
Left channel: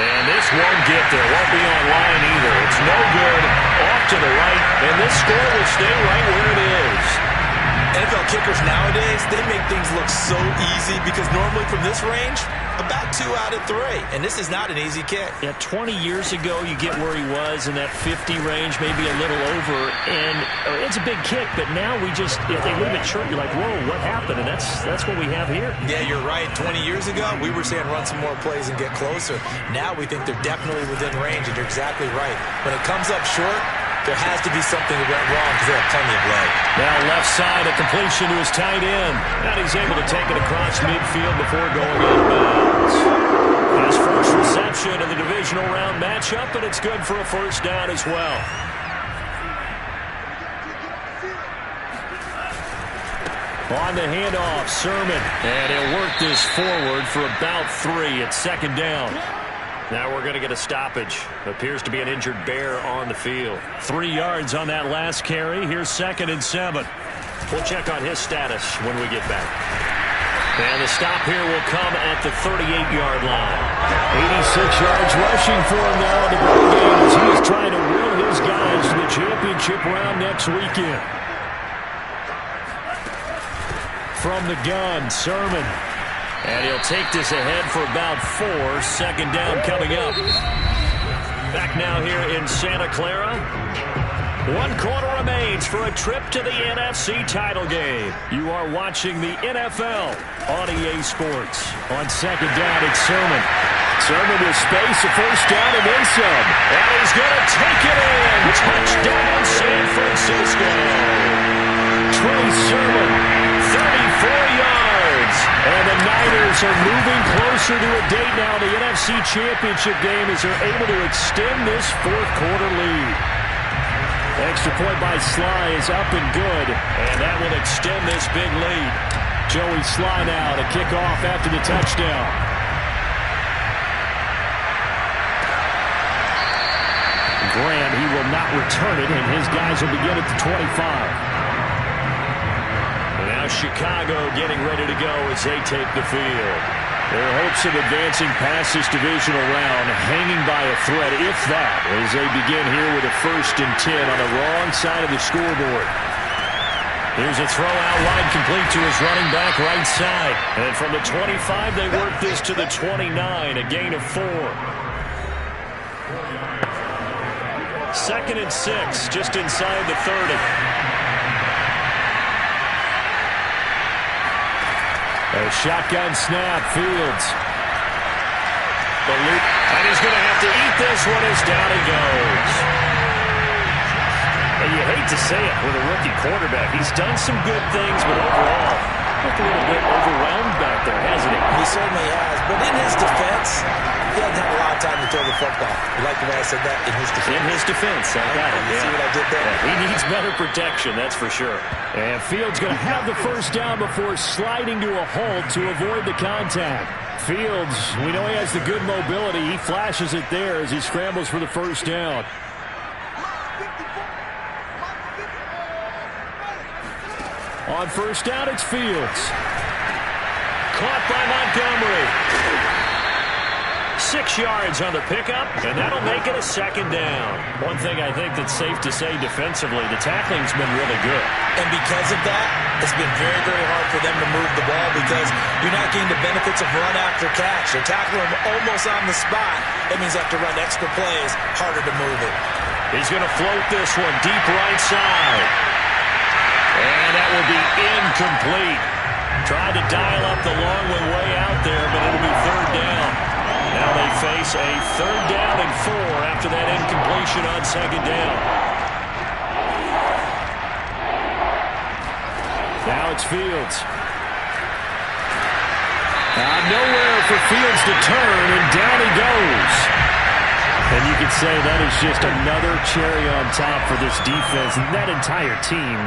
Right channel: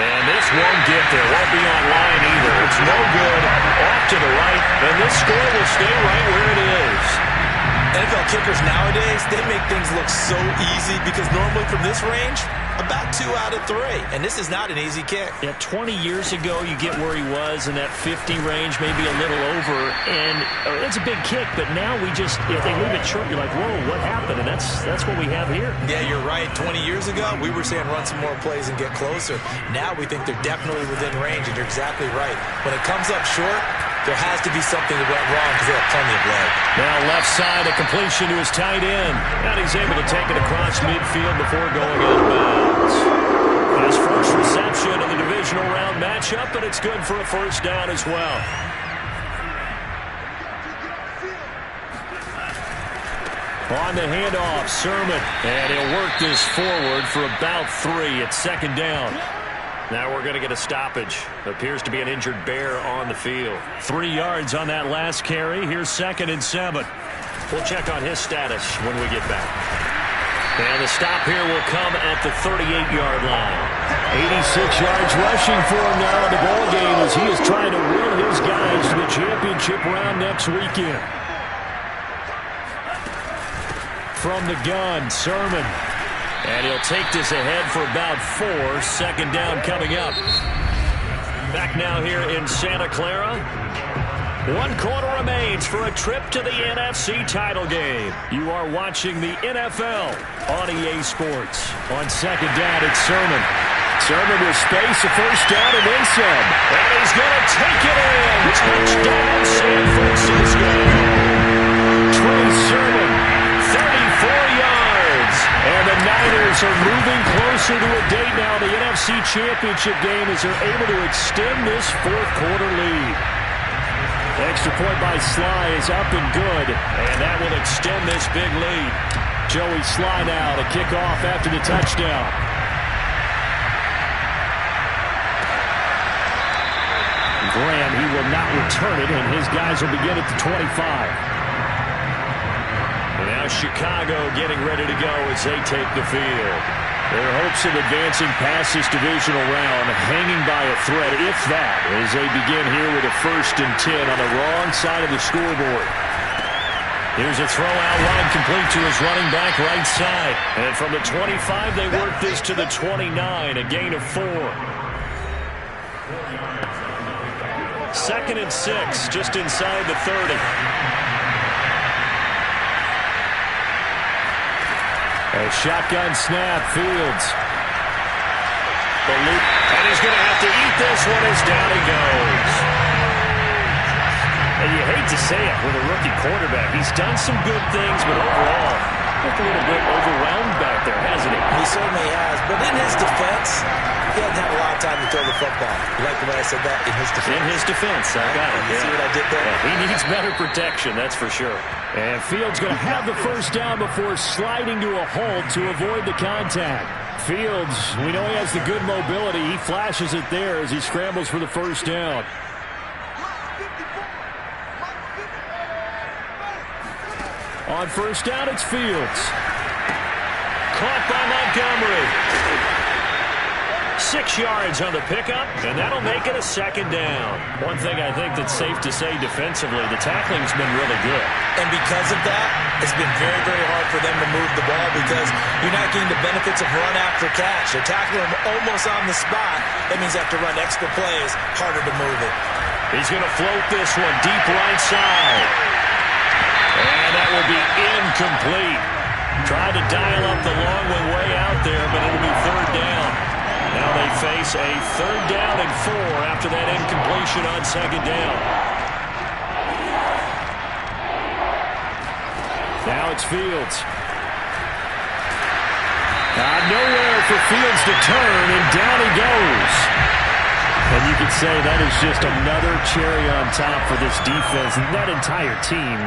And this won't get there. Won't be online either. It's no good. Off to the right. And this score will stay right where it is. NFL kickers nowadays, they make things look so easy because normally from this range, about 2 out of 3. And this is not an easy kick. Yeah, 20 years ago, you get where he was in that 50 range, maybe a little over. And it's a big kick, but now we just, if they leave it short, you're like, whoa, what happened? And that's what we have here. Yeah, you're right. 20 years ago, we were saying run some more plays and get closer. Now we think they're definitely within range, and you're exactly right. When it comes up short, there has to be something that went wrong because they have plenty of leg. Now left side, a completion to his tight end. And he's able to take it across midfield before going out of bounds. His first reception of the divisional round matchup, and it's good for a first down as well. On the handoff, Sermon. And he'll work this forward for about 3 at 2nd down. Now we're going to get a stoppage. Appears to be an injured Bear on the field. 3 yards on that last carry. Here's 2nd and 7. We'll check on his status when we get back. And the stop here will come at the 38-yard line. 86 yards rushing for him now in the ball game as he is trying to will his guys to the championship round next weekend. From the gun, Sermon. And he'll take this ahead for about 4. 2nd down coming up. Back now here in Santa Clara. 1 quarter remains for a trip to the NFC title game. You are watching the NFL on EA Sports. On 2nd down, it's Sermon. Sermon with space, a first down, and then some. And he's going to take it in. Touchdown, San Francisco. Trey Sermon, 34 yards. And the Niners are moving closer to a date now in the NFC Championship game as they're able to extend this 4th quarter lead. Extra point by Sly is up and good. And that will extend this big lead. Joey Sly now to kick off after the touchdown. Graham, he will not return it, and his guys will begin at the 25. And now Chicago getting ready to go as they take the field. Their hopes of advancing past this divisional round hanging by a thread, if that, as they begin here with a 1st and 10 on the wrong side of the scoreboard. Here's a throw out wide, complete to his running back right side. And from the 25, they work this to the 29, a gain of 4. 2nd and 6, just inside the 30. A shotgun snap, Fields. The loop, and he's going to have to eat this one as down he goes. And you hate to say it with a rookie quarterback. He's done some good things, but overall, looked a little bit overwhelmed back there, hasn't he? He certainly has. But in his defense, he hasn't had a lot of time to throw the football. You like the way I said that? In his defense. In his defense. I got it. You see what I did there? Yeah, he needs better protection, that's for sure. And Fields going to have the 1st down before sliding to a halt to avoid the contact. Fields, we know he has the good mobility. He flashes it there as he scrambles for the 1st down. On 1st down, it's Fields. Caught by Montgomery. 6 yards on the pickup, and that'll make it a 2nd down. One thing I think that's safe to say defensively, the tackling's been really good. And because of that, it's been very, very hard for them to move the ball because you're not getting the benefits of run after catch. They're tackling them almost on the spot. That means they have to run extra plays, harder to move it. He's going to float this one deep right side. And that will be incomplete. Tried to dial up the long one way out there, but it'll be 3rd down. Now they face a 3rd down and 4 after that incompletion on 2nd down. Now it's Fields. Nowhere for Fields to turn, and down he goes. And you could say that is just another cherry on top for this defense and that entire team.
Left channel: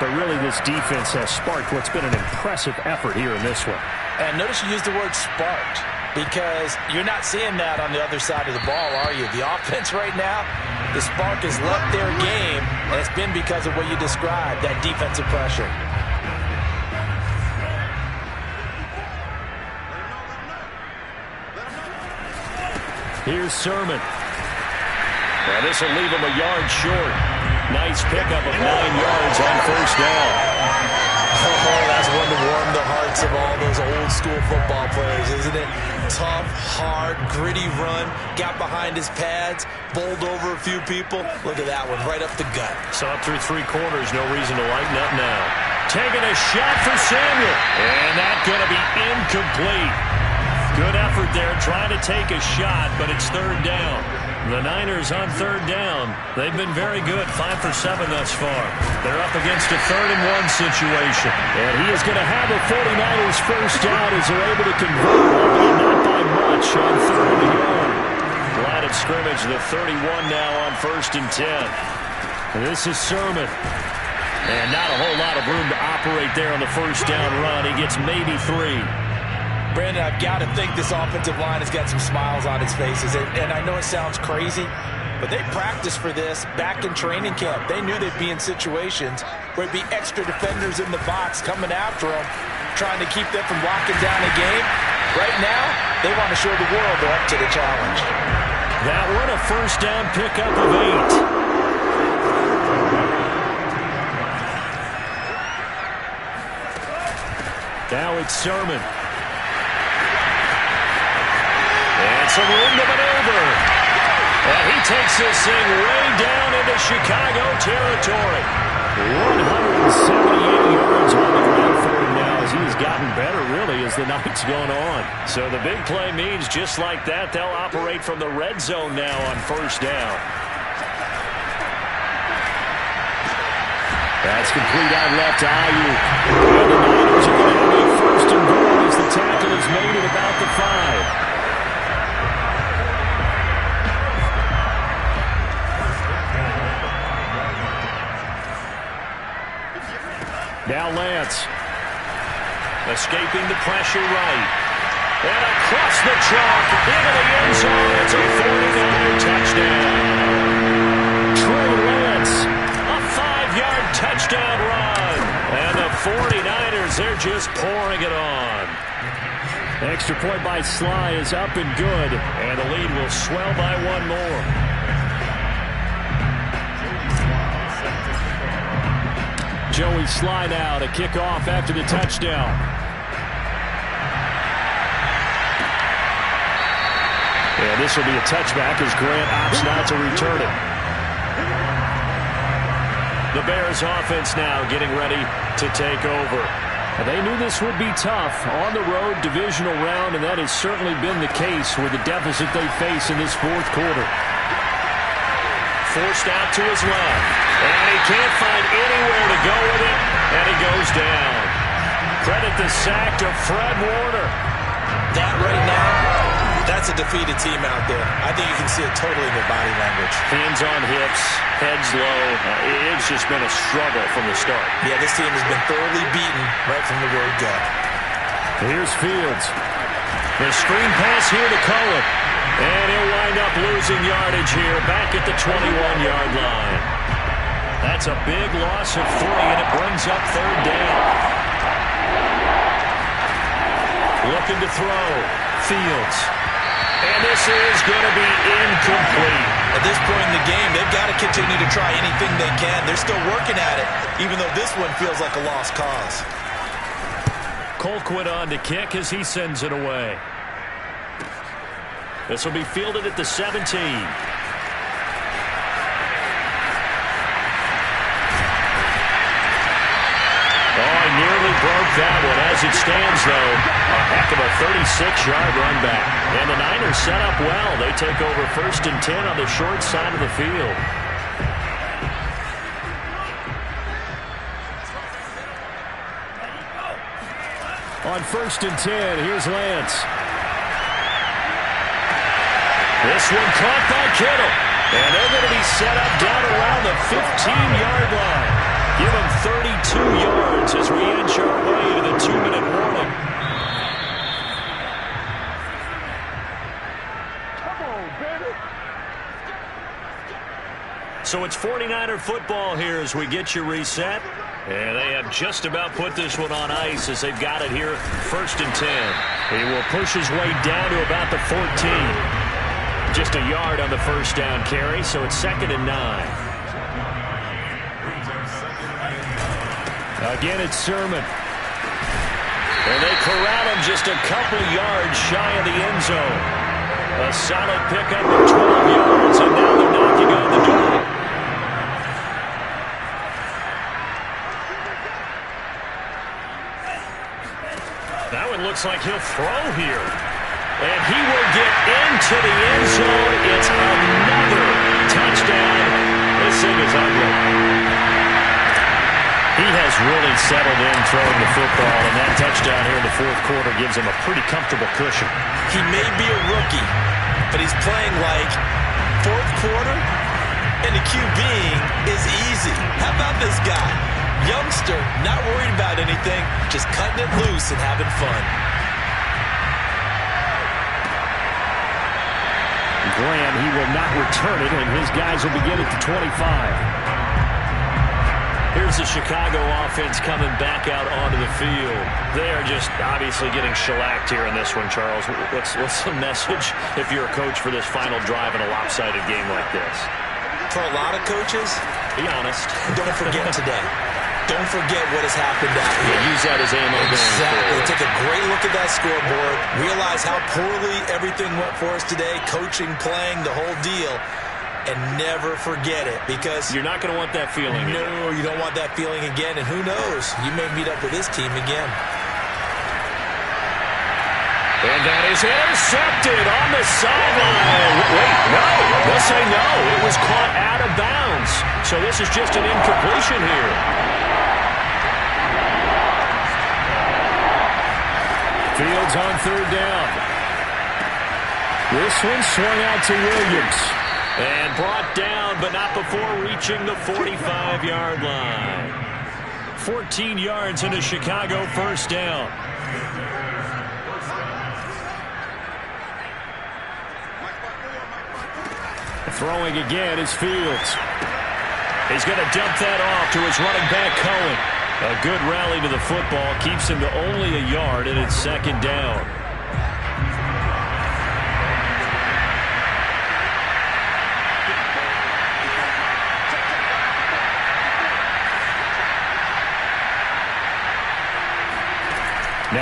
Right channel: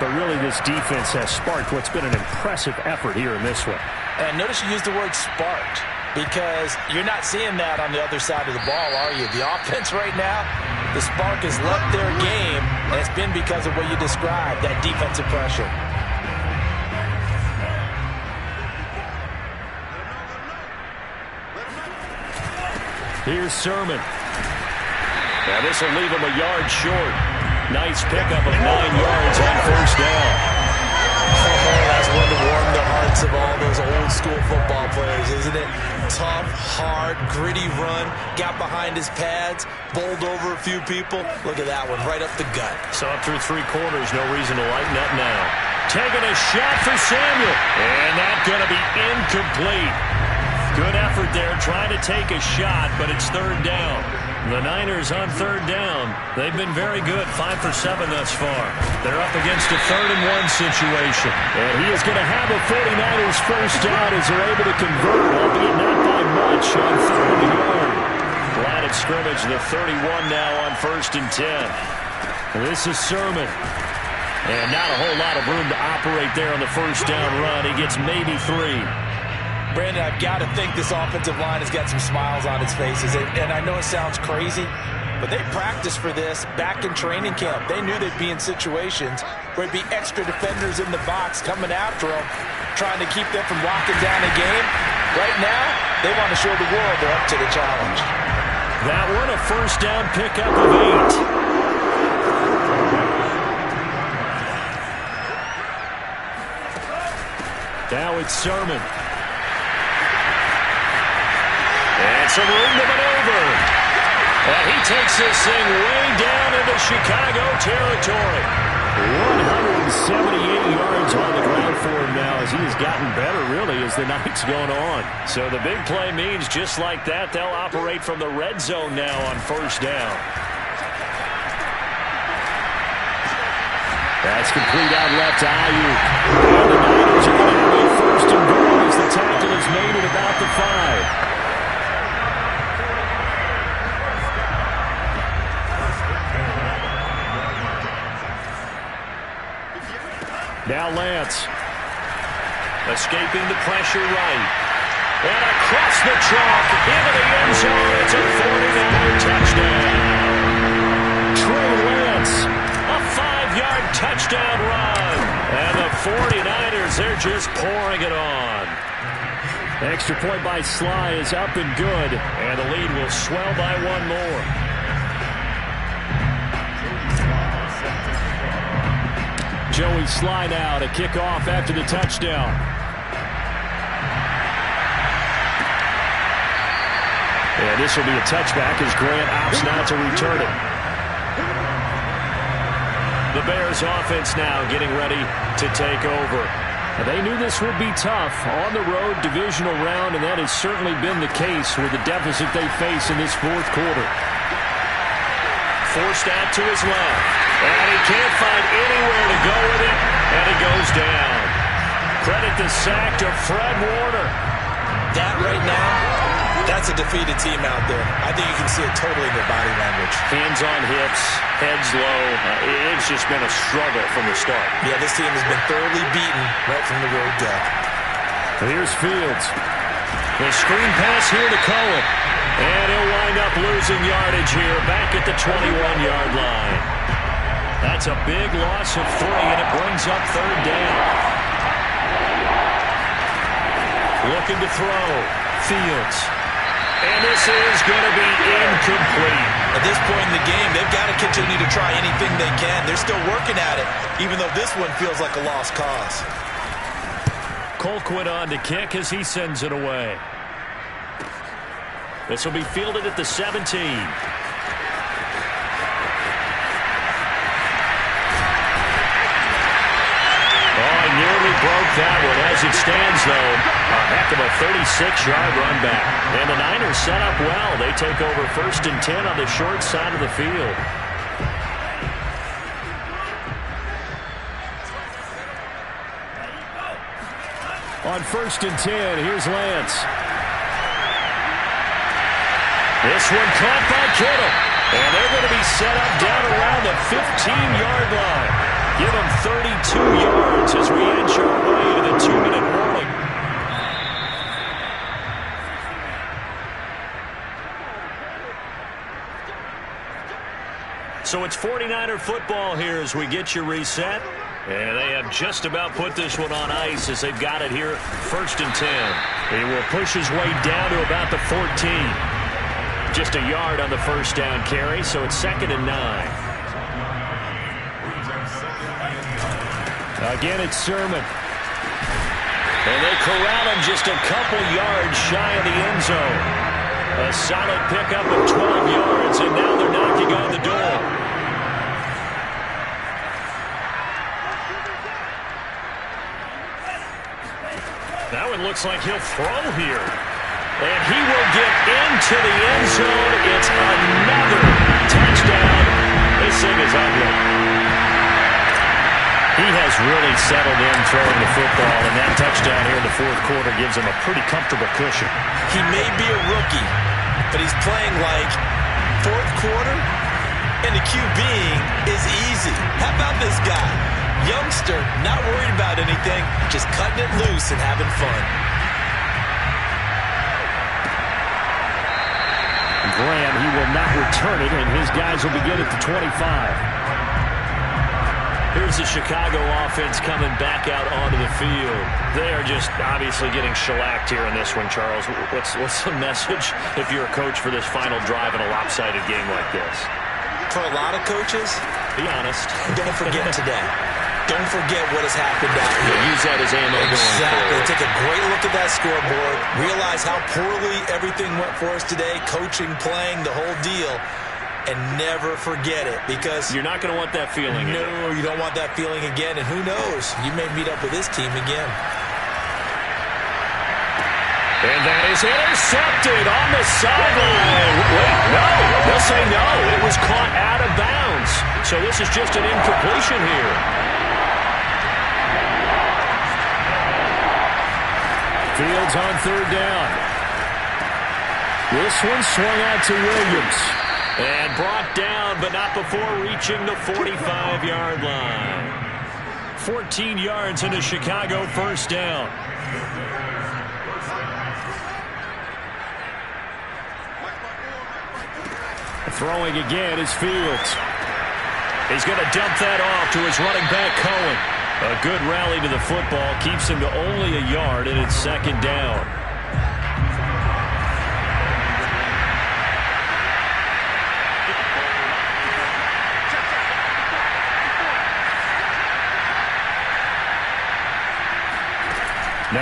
But really, this defense has sparked what's been an impressive effort here in this one. And notice you used the word sparked because you're not seeing that on the other side of the ball, are you? The offense right now, the spark has left their game, and it's been because of what you described, that defensive pressure. Here's Sermon. Now this will leave him a yard short. Nice pickup of 9 yards on 1st down. Oh, that's one to warm the hearts of all those old school football players, isn't it? Tough, hard, gritty run. Got behind his pads, bowled over a few people. Look at that one, right up the gut. So up through 3 quarters, no reason to lighten up now. Taking a shot for Samuel. And that's going to be incomplete. Good effort there, trying to take a shot, but it's 3rd down. The Niners on 3rd down. They've been very good, 5 for 7 thus far. They're up against a 3rd and 1 situation. And he is going to have a 49ers 1st down as they're able to convert, albeit not by much, on 3rd and yard. Line of scrimmage, the 31 now on 1st and 10. And this is Sermon. And not a whole lot of room to operate there on the 1st down run. He gets maybe 3. Brandon, I've got to think this offensive line has got some smiles on its faces. And I know it sounds crazy, but they practiced for this back in training camp. They knew they'd be in situations where it'd be extra defenders in the box coming after them, trying to keep them from locking down a game. Right now, they want to show the world they're up to the challenge. That one, a 1st down pickup of 8. Now it's Sermon. And some room to maneuver. And he takes this thing way down into Chicago territory. 178 yards on the ground for him now as he has gotten better, really, as the night's going on. So the big play means just like that, they'll operate from the red zone now on 1st down. That's complete out left to Ayuk. And the Niners are going to have a 1st and goal as the tackle is made at about the 5. Now Lance. Escaping the pressure right. And across the chalk into the end zone. It's a 49er touchdown. Trey Lance. A 5-yard touchdown run. And the 49ers, they're just pouring it on. Extra point by Sly is up and good, and the lead will swell by one more. Joey Sly now to kick off after the touchdown. And this will be a touchback as Grant opts not to return it. The Bears offense now getting ready to take over. They knew this would be tough on the road, divisional round, and that has certainly been the case with the deficit they face in this fourth quarter. Forced out to his left, and he can't find anywhere to go with it, and he goes down. Credit the sack to Fred Warner. That right now, that's a defeated team out there. I think you can see it totally in their body language. Hands on hips, heads low. It's just been a struggle from the start. Yeah, this team has been thoroughly beaten right from the word go. Here's Fields. The screen pass here to Cohen. And he'll wind up losing yardage here back at the 21-yard line. That's a big loss of 3, and it brings up third down. Looking to throw. Fields. And this is going to be incomplete. At this point in the game, they've got to continue to try anything they can. They're still working at it, even though this one feels like a lost cause. Colquitt on to kick as he sends it away. This will be fielded at the 17. Oh, he nearly broke that one. As it stands, though, a heck of a 36-yard run back. And the Niners set up well. They take over 1st and 10 on the short side of the field. On 1st and 10, here's Lance. This one caught by Kittle. And they're going to be set up down around the 15-yard line. Give them 32 yards as we inch our way to the 2-minute warning. So it's 49er football here as we get you reset. And they have just about put this one on ice as they've got it here 1st and 10. He will push his way down to about the 14. Just a yard on the first down carry, so it's 2nd and 9. Again, it's Sermon. And they corral him just a couple yards shy of the end zone. A solid pickup of 12 yards, and now they're knocking on the door. That one looks like he'll throw here. And he will get into the end zone. It's another touchdown. This thing is ugly. He has really settled in throwing the football, and that touchdown here in the fourth quarter gives him a pretty comfortable cushion. He may be a rookie, but he's playing like fourth quarter, and the QBing is easy. How about this guy? Youngster, not worried about anything, just cutting it loose and having fun. Graham, he will not return it, and his guys will begin at the 25. Here's the Chicago offense coming back out onto the field. They are just obviously getting shellacked here in this one, Charles. What's the message if you're a coach for this final drive in a lopsided game like this? For a lot of coaches, be honest. Don't forget today. Don't forget what has happened out here. Yeah, use that as ammo going forward. Take a great look at that scoreboard. Realize how poorly everything went for us today. Coaching, playing, the whole deal. And never forget it, because you're not going to want that feeling again. No, you don't want that feeling again. And who knows? You may meet up with this team again. And that is intercepted on the sideline. Wait, no. They'll say no. It was caught out of bounds. So this is just an incompletion here. Fields on third down. This one swung out to Williams. And brought down, but not before reaching the 45-yard line. 14 yards into Chicago first down. Throwing again is Fields. He's going to dump that off to his running back, Cohen. A good rally to the football keeps him to only a yard, and it's 2nd down.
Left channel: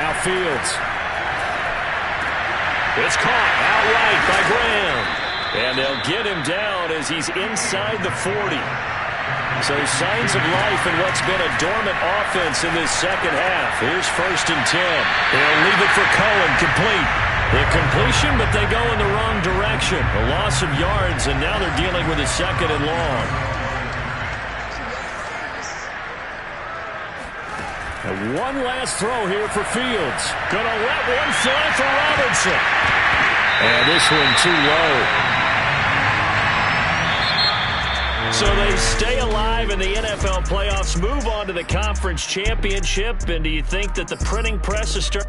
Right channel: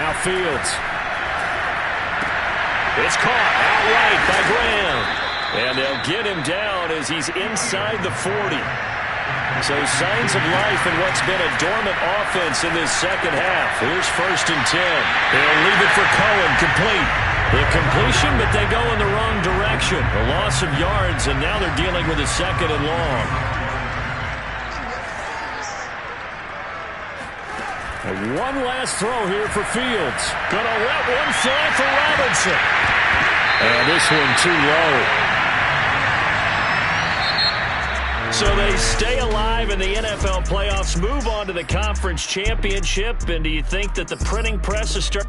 Now Fields. It's caught outright by Graham. And they'll get him down as he's inside the 40. So signs of life in what's been a dormant offense in this second half. Here's 1st and 10. They'll leave it for Cohen, complete. The completion, but they go in the wrong direction. A loss of yards, and now they're dealing with a 2nd and long. And one last throw here for Fields. Gonna let one fly for Robinson. And this one too low. So they stay alive in the NFL playoffs, move on to the conference championship, and do you think that the printing press is starting?